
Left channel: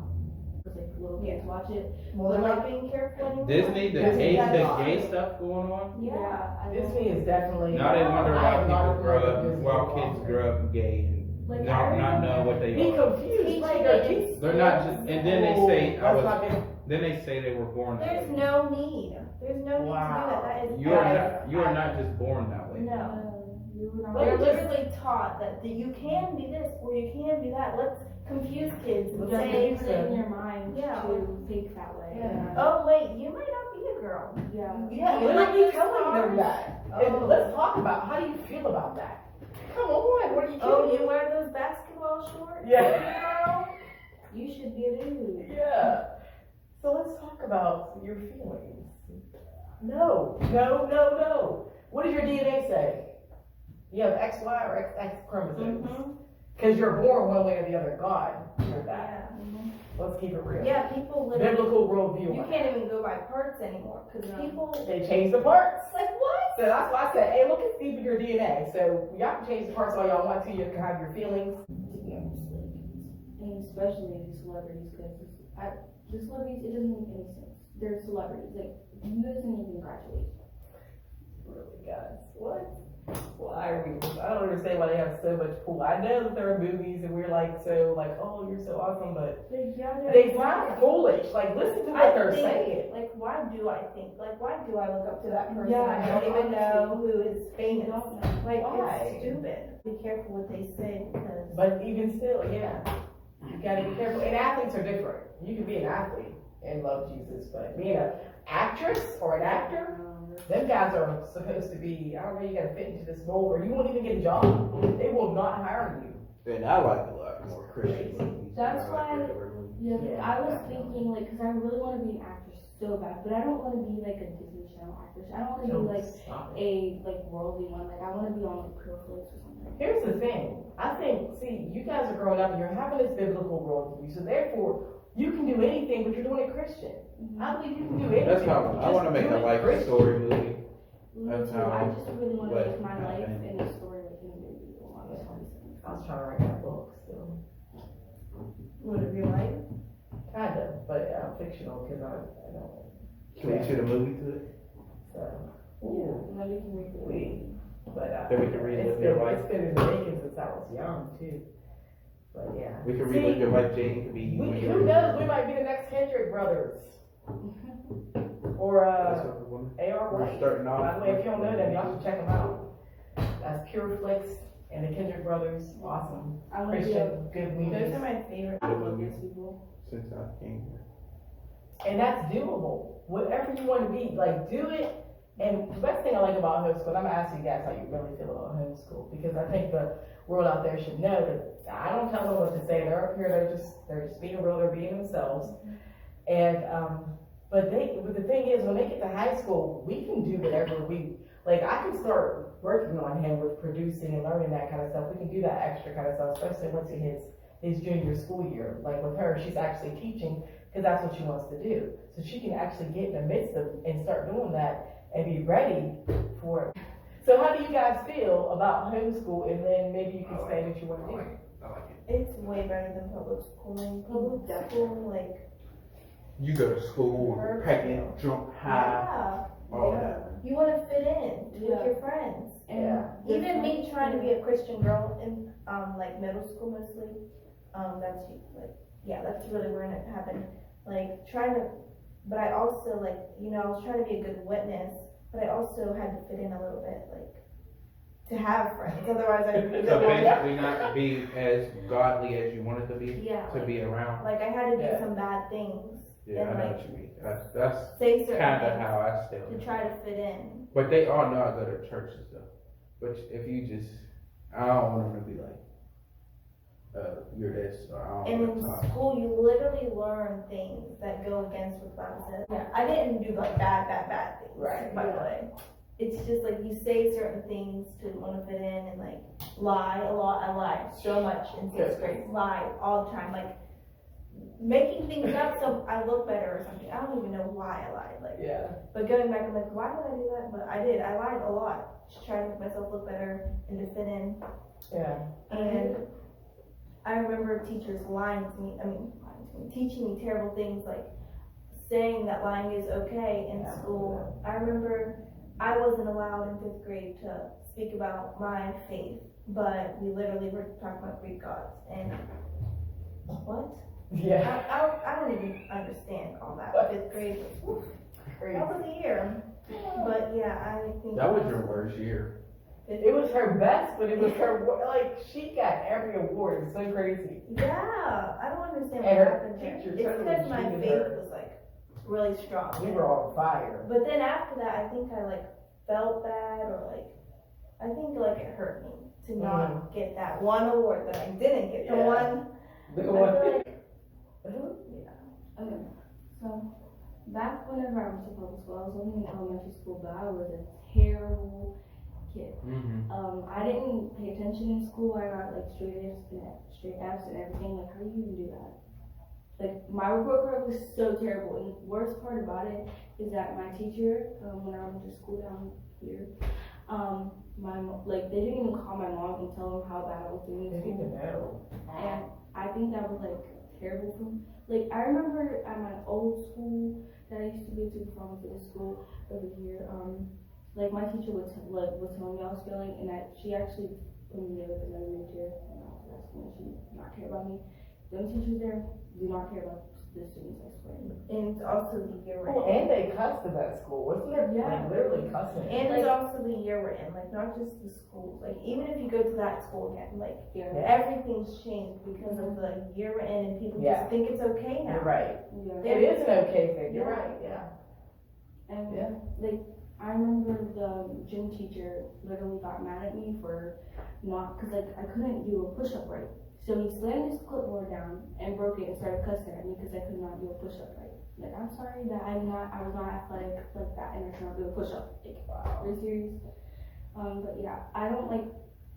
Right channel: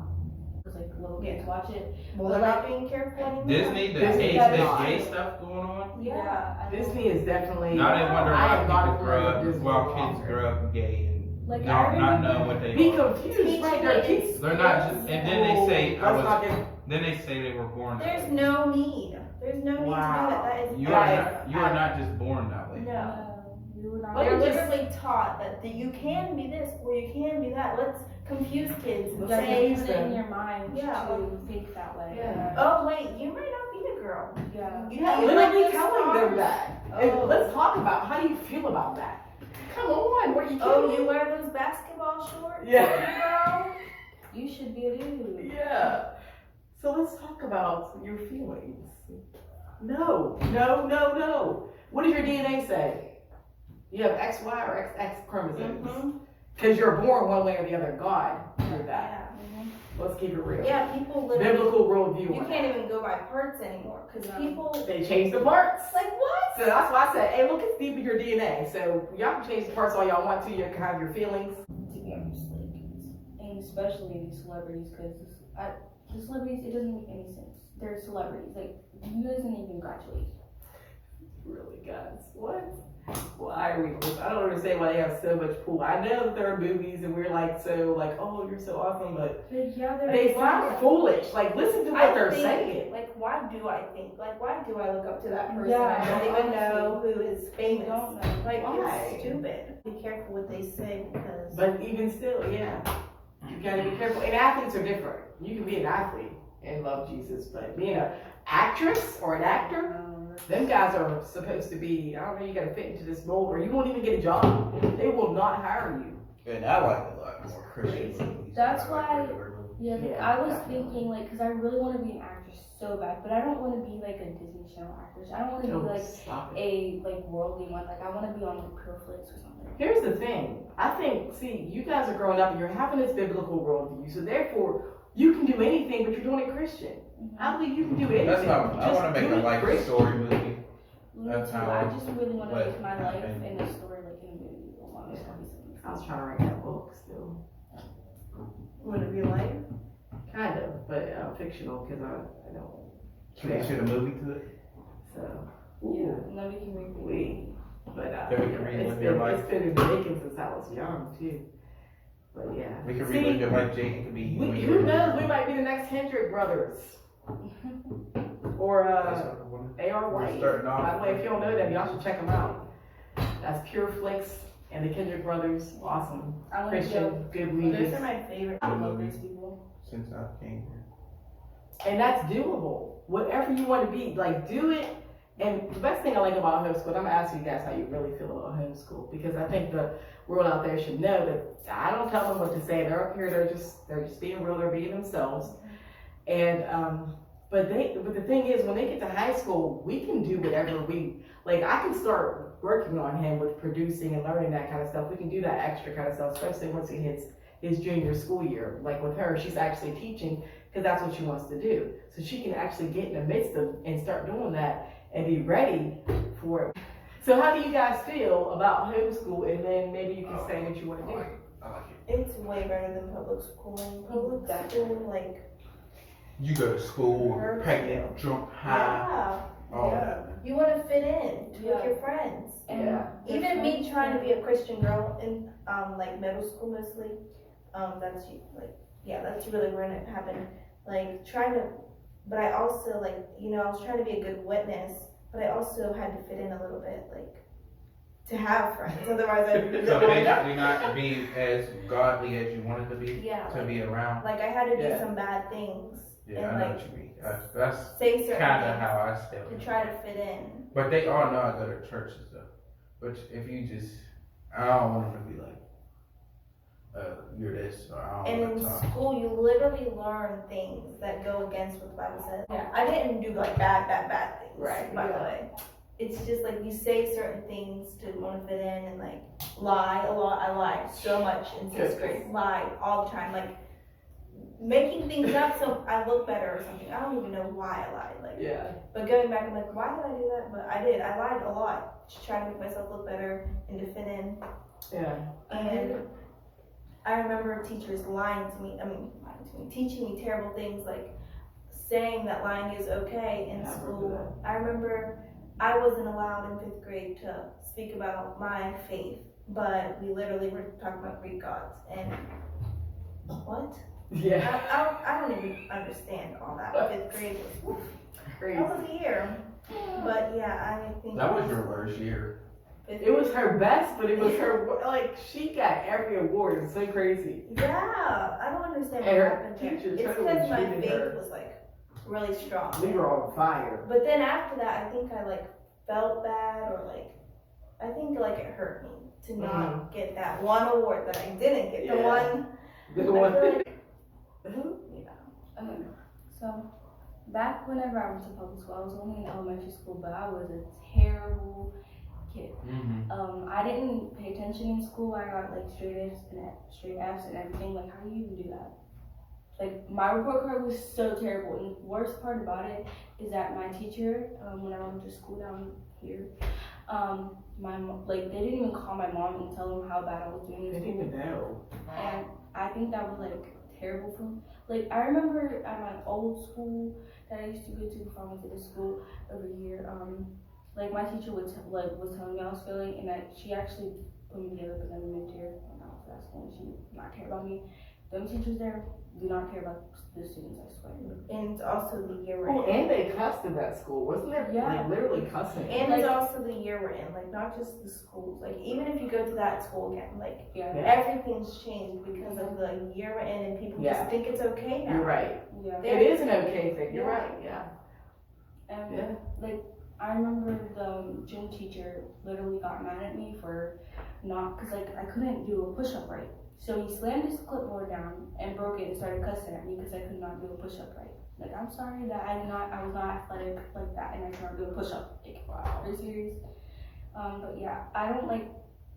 It's like little kids watch it. Well, they're not being careful anymore. Disney, the Disney gay, does the not. gay stuff going on. Yeah. I know. Disney is definitely. Now they wonder I why am not people a grow fan of up, Disney while no kids longer. grow up gay and Like, not I know remember- what they Be are. confused, right? Their kids. They're not just, and then they say I Let's was. not get. Then they say they were born that There's way. no need. There's no need to do Wow. that. That is You are extra. not. You are not just born that way. No. No, you were not. But They're you just- literally taught that you can be this or you can be that. Let's confuse kids and Let's Yeah, say, you put it in your mind Yeah. to think that way. Yeah. oh wait, you might not be a girl. Yeah. You Yeah, you like literally the telling them stars? that. Oh. And let's talk about how do you feel about that? Come on, what are you? Oh, kidding? you wear those basketball shorts? Yeah. Girl? You should be a dude. Yeah. So let's talk about your feelings. No. What does your DNA say? You have XY or XX chromosomes. Mm-hmm. Because you're born one way or the other. God knew that. Yeah. Let's keep it real. Yeah, people literally, Biblical worldview. you on can't that. even go by parts anymore because No. people, They changed the parts. like what? So that's why I said, hey, look, it's deep in your DNA. So y'all can change the parts all y'all want to. You can have your feelings. To be honest, like, and especially these celebrities, because the celebrities, it doesn't make any sense. They're celebrities. Like, you doesn't even graduate. Really, guys? What? Why are we? I don't understand why they have so much pull. I know that there are movies and we're like so like, oh, you're so awesome, but Yeah, they sound foolish. Like, listen to what they're saying. Like, why do I look up to that person? Yeah, I don't even know who is famous. Don't know. Like, Why? it's stupid. Be careful what they say because. But even still, yeah, you gotta be careful. And athletes are different. You can be an athlete and love Jesus, but being an actress or an actor, them guys are supposed to be, I don't know, you gotta fit into this mold or you won't even get a job. They will not hire you. And I like a lot more Christian movies. That's than I like why- regular movies. Yeah, Yeah. I was thinking like, cause I really want to be an actress so bad, but I don't want to be like a Disney Channel actress. I don't want to be like Stop it. a like worldly one. Like I want to be on like Pure Flix or something. Here's the thing. I think, see, you guys are growing up and you're having this biblical worldview, so therefore you can do anything, but you're doing it Christian. I believe you can do anything. That's not, I Just wanna make do a it life Christian. story movie. Me That's too. how I just really want to what make my life happened. and a story like in a movie. I was trying to write that book still. Would it be like? Kind of, but fictional because I don't. Can we shoot a movie to it? So, Yeah, ooh, and then we can read we, but Then we can relive it's your been, life. it's been in the making since I was young too. But yeah. We can See, relive your life, Jane, to be you. we, when who you're- knows? We might be the next Hendrick brothers or That's what I wanna- A.R. We're White. starting off. By the way, if you don't know them, y'all should check them out. That's Pure Flix and the Kendrick brothers. Awesome. I want to be a Christian, good Those movies. are my favorite. I love those people. Since I came here. And that's doable. Whatever you want to be, like, do it. And the best thing I like about homeschool, and I'm gonna ask you guys how you really feel about homeschool, because I think the world out there should know that I don't tell them what to say. They're up here, they're just being real, they're being themselves. And but the thing is, when they get to high school, we can do whatever we like. I can start working on him with producing and learning that kind of stuff. We can do that extra kind of stuff, especially once he hits his junior school year. Like with her, she's actually teaching because that's what she wants to do. So she can actually get in the midst of and start doing that and be ready for it. So how do you guys feel about homeschool? And then maybe you can say what you want to do. I like it. It's way better than public schooling. Public school, like, You go to school, Perfect. picnic, jump high, yeah, all yeah. that. You want to fit in with Yeah. your friends. Yeah. Even me trying to be a Christian girl in like middle school mostly, that's really where it happened. Like trying to, but I also like, I was trying to be a good witness, but I also had to fit in a little bit, like to have friends. Otherwise, So basically not be as godly as you wanted to be, yeah, to like, be around. like I had to do Yeah. some bad things Yeah, and I know like what you mean. That's say certain kinda things how I still. to try to fit in. But they all know I go to churches though. But if you just, I don't want them to be like, you're this, or I And don't in want to talk. school, you literally learn things that go against what the Bible says. Yeah, I didn't do like bad things. Right, By the way, it's just like you say certain things to want to fit in and like lie a lot. I lied so much in sixth grade. Lied all the time, like making things up so I look better or something. I don't even know why I lied. Like, Yeah. but going back, I'm like, why did I do that? But I did. I lied a lot to try to make myself look better and to fit in. Yeah. And I remember teachers teaching me terrible things, like saying that lying is okay in school. I remember I wasn't allowed in 5th grade to speak about my faith, but we literally were talking about Greek gods. And what? Yeah. I don't even understand all that. 5th grade was, woof, Crazy. that was a year. But yeah, I think That was your worst year. It was her best, but it was her, like, she got every award. It's so crazy. Yeah, I don't understand what And her happened there. teachers It's totally because my treated faith her- was like really strong. We were on fire. But then after that, I think I like felt bad, or like I think like it hurt me to not get that one award that I didn't get. The Yeah. one. The I feel one- like, Okay, so back whenever I went to public school, I was only in elementary school, but I was a terrible kid. Mm-hmm. I didn't pay attention in school. I got like straight F's and everything. Like, how do you even do that? Like, my report card was so terrible. And the worst part about it is that my teacher, when I went to school down here, they didn't even call my mom and tell them how bad I was doing I in didn't school. even know. And I think that was like terrible for me. Like, I remember at my old school that I used to go to before I went to the school over here, like my teacher was telling me I was failing, and she actually put me together because I'm a mid-tier when I was asking and she did not care about me. Them teachers there do not care about the students, I swear. And it's also the year we're Oh, in. and they cussed in that school, wasn't there? Yeah. Like literally cussing. And it's also the year we're in, like not just the schools. Like even if you go to that school again, like Yeah. everything's changed because of the year we're in, and people Yeah. just think it's okay now. You're right. Yeah. It is an okay thing. You're Yeah. right. Yeah. And Yeah. like I remember the gym teacher literally got mad at me for not, cause like I couldn't do a push-up right. So he slammed his clipboard down and broke it and started cussing at me because I could not do a push-up right. Like, I'm sorry that I was not athletic like that and I could not do a push-up. Like, wow, are you serious? But yeah, I don't like,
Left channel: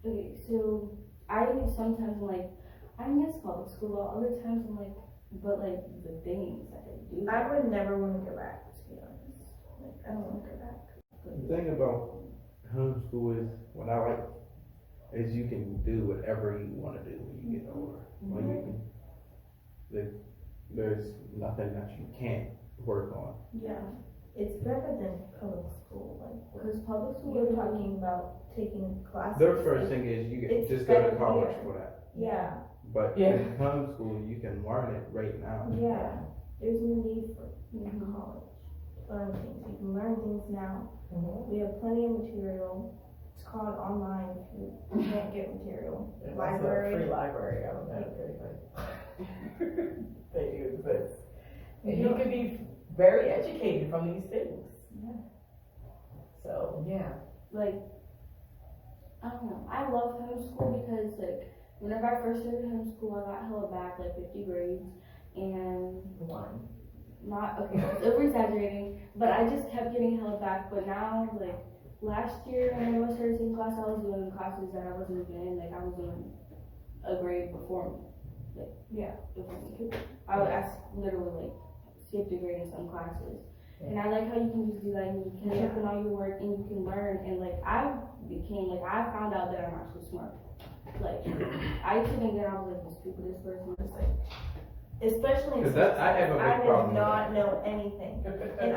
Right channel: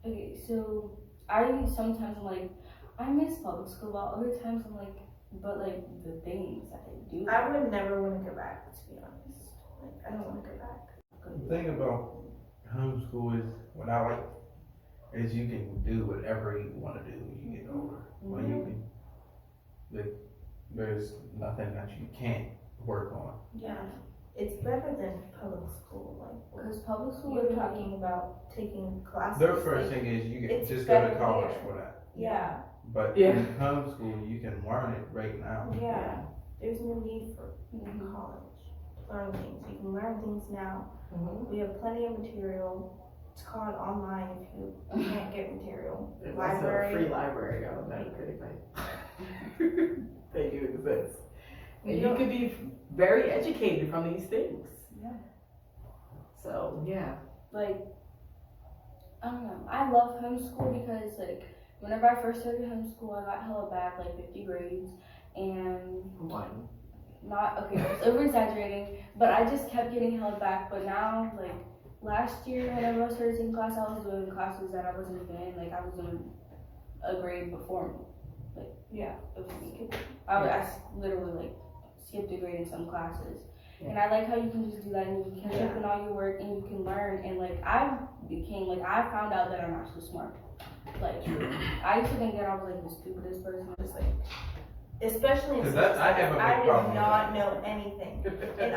okay, so I sometimes I'm like, I miss public school, while other times I'm like, but like the things that they do. I would never want to go back, to be honest. Like I don't want to go back. The thing about homeschool is what I like is you can do whatever you want to do when you get older. When you can, there's nothing that you can't work on. Yeah, it's better than public school. Like Because public school, you're talking about taking classes. Their first like, thing is you it's can just go to better college here. for that. Yeah, But Yeah. in homeschool, you can learn it right now. yeah. There's no need for Mhm. college to learn things. You can learn things now. Mm-hmm. We have plenty of material. It's called online if you can't get material. Free Library. library. I don't know anything. They do exist. And You you don't- could be very educated from these things. Yeah. So yeah. like, I don't know. I love homeschool because like whenever I first started homeschool, I got held back like 50 grades, and One. not okay. I was over exaggerating, but I just kept getting held back. But now, like last year, whenever I started taking class, I was doing classes that I wasn't even in. Like I was doing a grade before, like Yeah. before me. I literally like skipped a grade in some classes. And I like how you can just do that and you can catch up on all your work and you can learn. And like I found out that I'm actually smart. Like I used to think that I was like the stupidest person. Just like, Especially in 'Cause social I have a studies. big I problem did with not know anything. And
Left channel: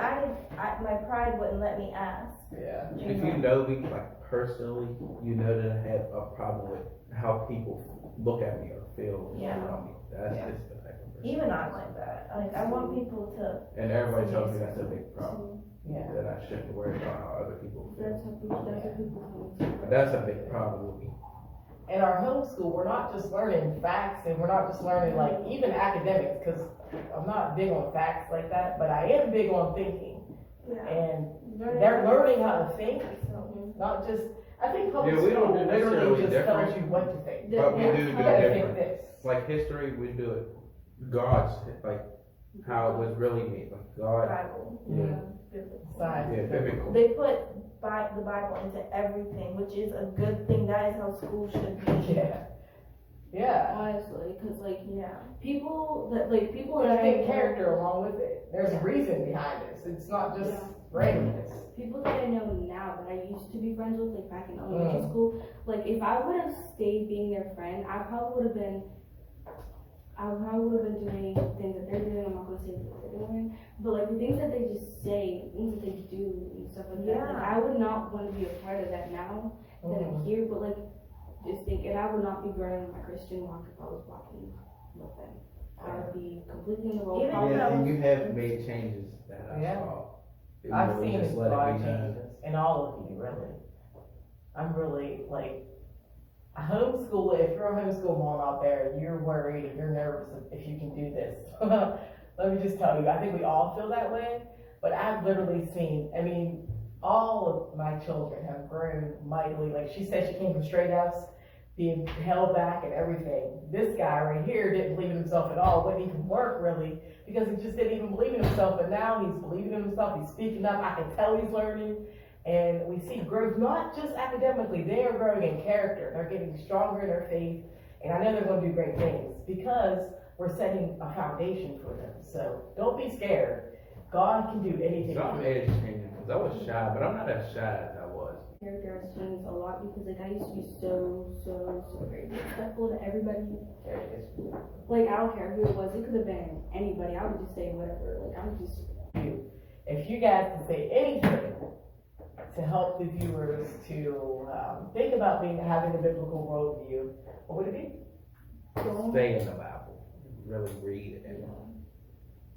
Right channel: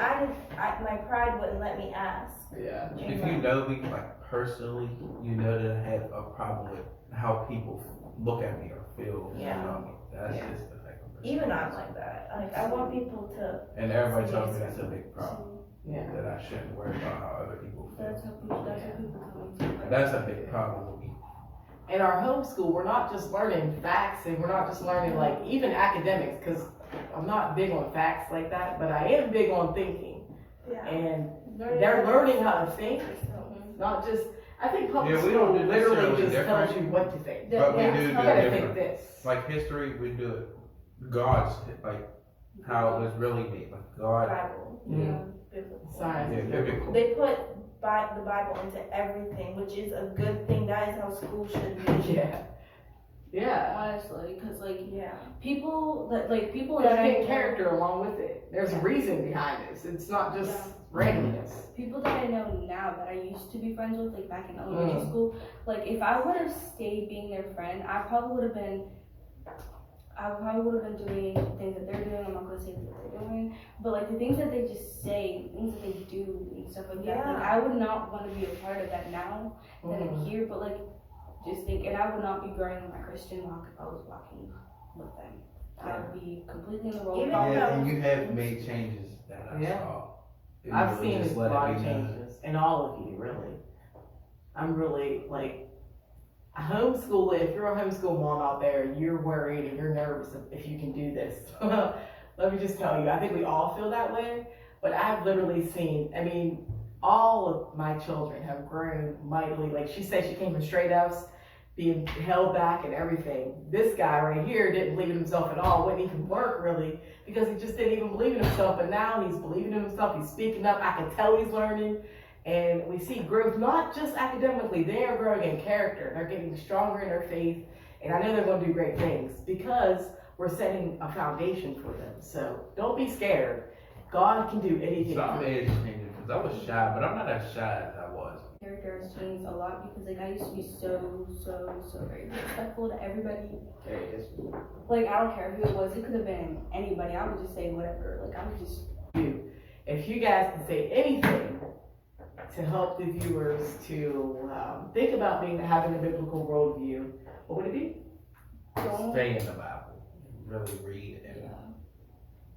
my pride wouldn't let me ask. Yeah. If you know me like personally, you know that I have a problem with how people look at me or feel Yeah. around me. That's Yeah. just the type of person. Even I'm like that. Like I want people to. And everybody tells me that's a big problem. Yeah. That I shouldn't worry about how other people feel. that's what people tell me too. That's a big problem with me. In our homeschool, we're not just learning facts and we're not just learning like even academics, because I'm not big on facts like that, but I am big on thinking. Yeah. And they're learning how to think, not just, I think public Yeah, we don't school do literally necessarily just tells different. you what to think. But we Yeah. do You do gotta think different. this. Like history, we do it God's, like how it was really made. Like God, Bible. Yeah. Biblical. Science. yeah, biblical. They put the Bible into everything, which is a good thing. That is how school should be. Yeah. Yeah. Honestly, because like Yeah. people that people You gotta that I get know- character along with it. There's a Yeah. reason behind this. It's not just Yeah. randomness. people that I know now that I used to be friends with, like back in elementary school, like if I would have stayed being their friend, I probably would have been doing things that they're doing. I'm not gonna say what they're doing, but like the things that they just say, things that they do and stuff like that. Like I would not want to be a part of that now that I'm here, but like just think, and I would not be growing my Christian walk if I was walking with them. I would be completely in the role. Even of Yeah, and you have made changes that I Yeah. saw. It I've really seen just a let lot me of know. changes, and all of you, really. I'm really, like, homeschool, if you're a homeschool mom out there, you're worried and you're nervous if you can do this. Let me just tell you, I think we all feel that way, but I've literally seen, I mean, all of my children have grown mightily. Like, she said she came from straight F's, being held back and everything. This guy right here didn't believe in himself at all, wouldn't even work really, because he just didn't even believe in himself, but now he's believing in himself, he's speaking up, I can tell he's learning, and we see growth, not just academically, they are growing in character, they're getting stronger in their faith, and I know they're gonna do great things, because we're setting a foundation for them, so don't be scared, God can do anything. Some age changing, because I was shy, but I'm not as shy as I was. Character has changed a lot because like I used to be so very respectful to everybody. There it is. Like I don't care who it was, it could have been anybody. I would just say whatever. Like I would just If you guys can say anything, to help the viewers to think about having a biblical worldview, what would it be? Stay in the Bible, really read and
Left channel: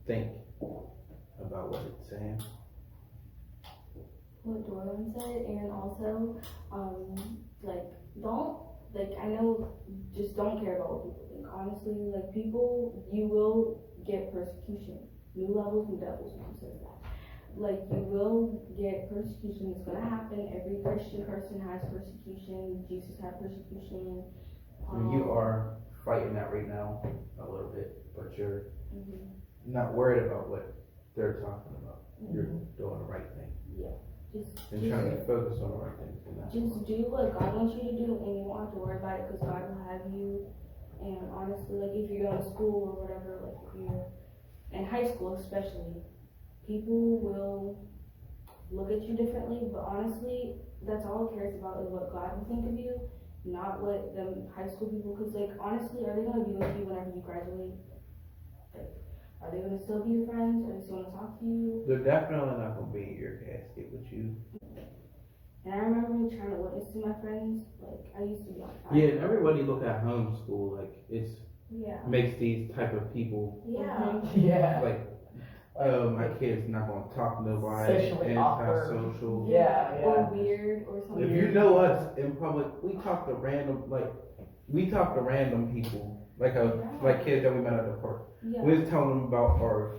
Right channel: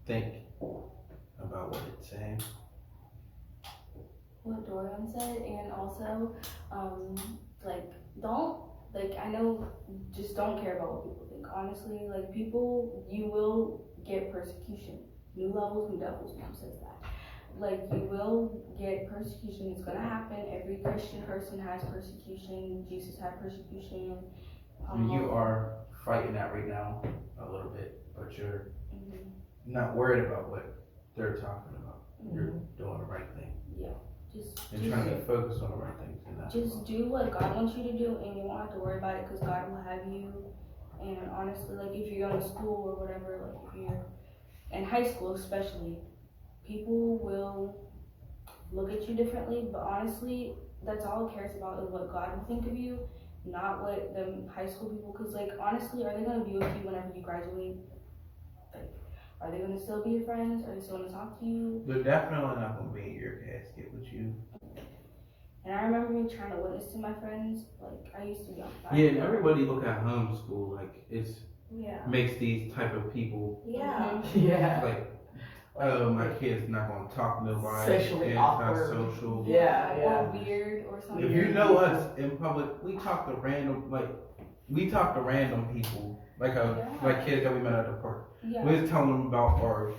think about what it's saying. What Dorian said, and also, like, I know, just don't care about what people think. Honestly, like, you will get persecution. New levels, new devils, mom says that. Like, you will get persecution. It's gonna happen. Every Christian person has persecution. Jesus had persecution. I mean, you are fighting that right now a little bit, but you're not worried about what they're talking about. You're doing the right thing. You're trying to be focused on the right things. Just do what God wants you to do, and you won't have to worry about it, because God will have you. And honestly, like, if you're going to school or whatever, like, if you're in high school especially, people will look at you differently, but honestly, that's all it cares about is what God will think of you, not what them high school people, because, like, honestly, are they going to be with you whenever you graduate? Like, are they going to still be your friends? Are they still going to talk to you? They're definitely not going to be in your casket with you. And I remember me trying to witness to my friends. Like, I used to be on fire. Yeah, and everybody look at homeschool like it's Yeah. makes these type of people Yeah. Yeah. like, my kid's not going to talk to nobody. Sexually awkward. Antisocial. Yeah. Or weird or something. If you know us in public, we talk to random people, like kids that we met at the park. Yeah. We was telling them about our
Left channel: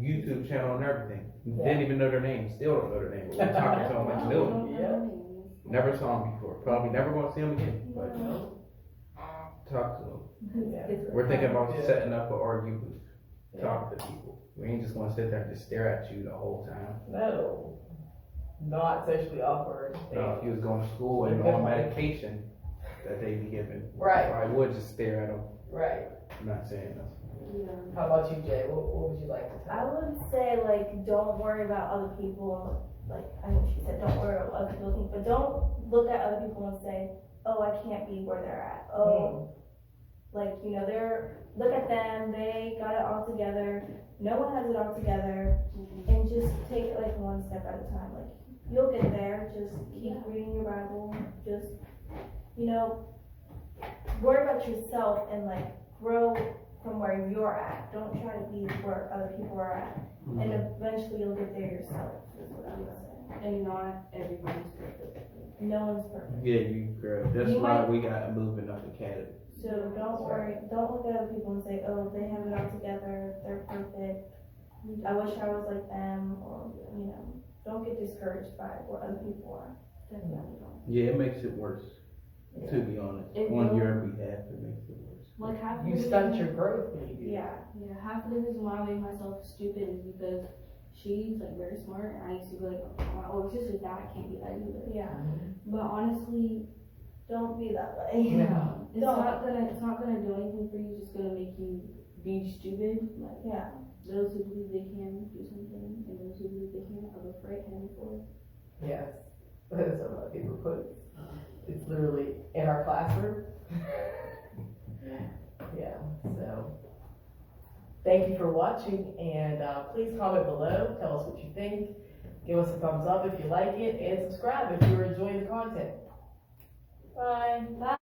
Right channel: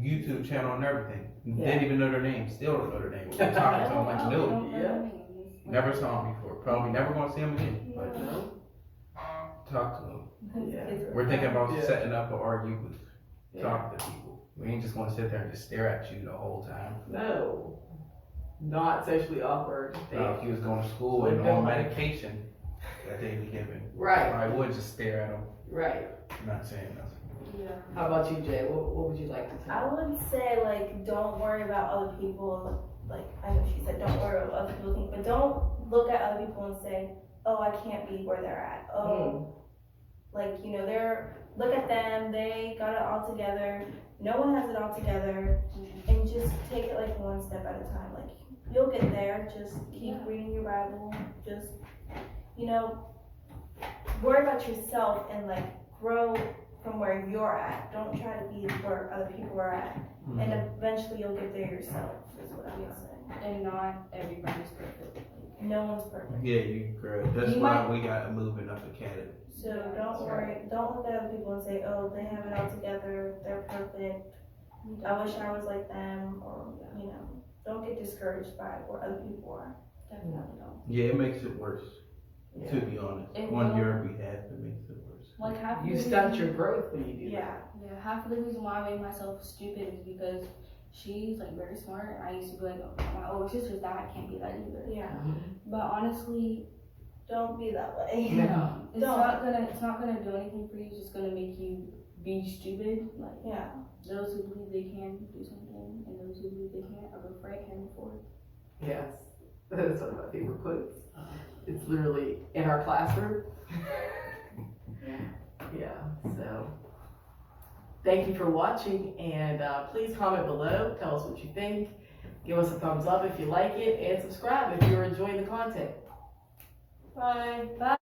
YouTube channel and everything. Didn't even know their name. Still don't know their name. We were talking to them like knew them. Yeah. Never saw them before. Probably never gonna see them again. Yeah. But talk to them. Yeah. We're thinking about Yeah. setting up an argue booth. Yeah. Talk to people. We ain't just gonna sit there and just stare at you the whole time. No. Not sexually awkward. Now, if you was going to school and on medication that they be given, Right. I would just stare at them. Right. Not saying nothing. Yeah. How about you, Jay? What would you like to I tell? would say, like, don't worry about other people. Like, I know she said don't worry about what other people think, but don't look at other people and say, oh, I can't be where they're at. Oh, like, you know, look at them, they got it all together. No one has it all together. And just take it like one step at a time. Like, you'll get there. Just keep reading your Bible. Just, you know, worry about yourself and, like, grow from where you're at. Don't try to be where other people are at. And eventually you'll get there yourself, is what I would say. And not everybody's perfect. No one's perfect. Yeah, you girl. That's You why might- we got moving up academy. So don't worry, don't look at other people and say, oh, they have it all together, they're perfect. I wish I was like them, or, you know, don't get discouraged by what other people are. Definitely don't. Yeah, it makes it worse. To be honest, It on will. your behalf, it makes it worse. Like, half of You the stunt reason- your growth when you do Yeah. that. Yeah, half of the reason why I made myself stupid is because she's, like, very smart, and I used to be like, oh, my older sister's that, I can't be that either. Yeah, But honestly, don't be that way. Yeah. it's Don't. not gonna do anything for you. It's just gonna make you be stupid. Like, Yeah. those who believe they can do something, and those who believe they can't are both right and forward. Yes. That's one of my favorite quotes. It's literally in our classroom. Yeah, so thank you for watching, and please comment below, tell us what you think, give us a thumbs up if you like it, and subscribe if you're enjoying the content. Bye. Bye.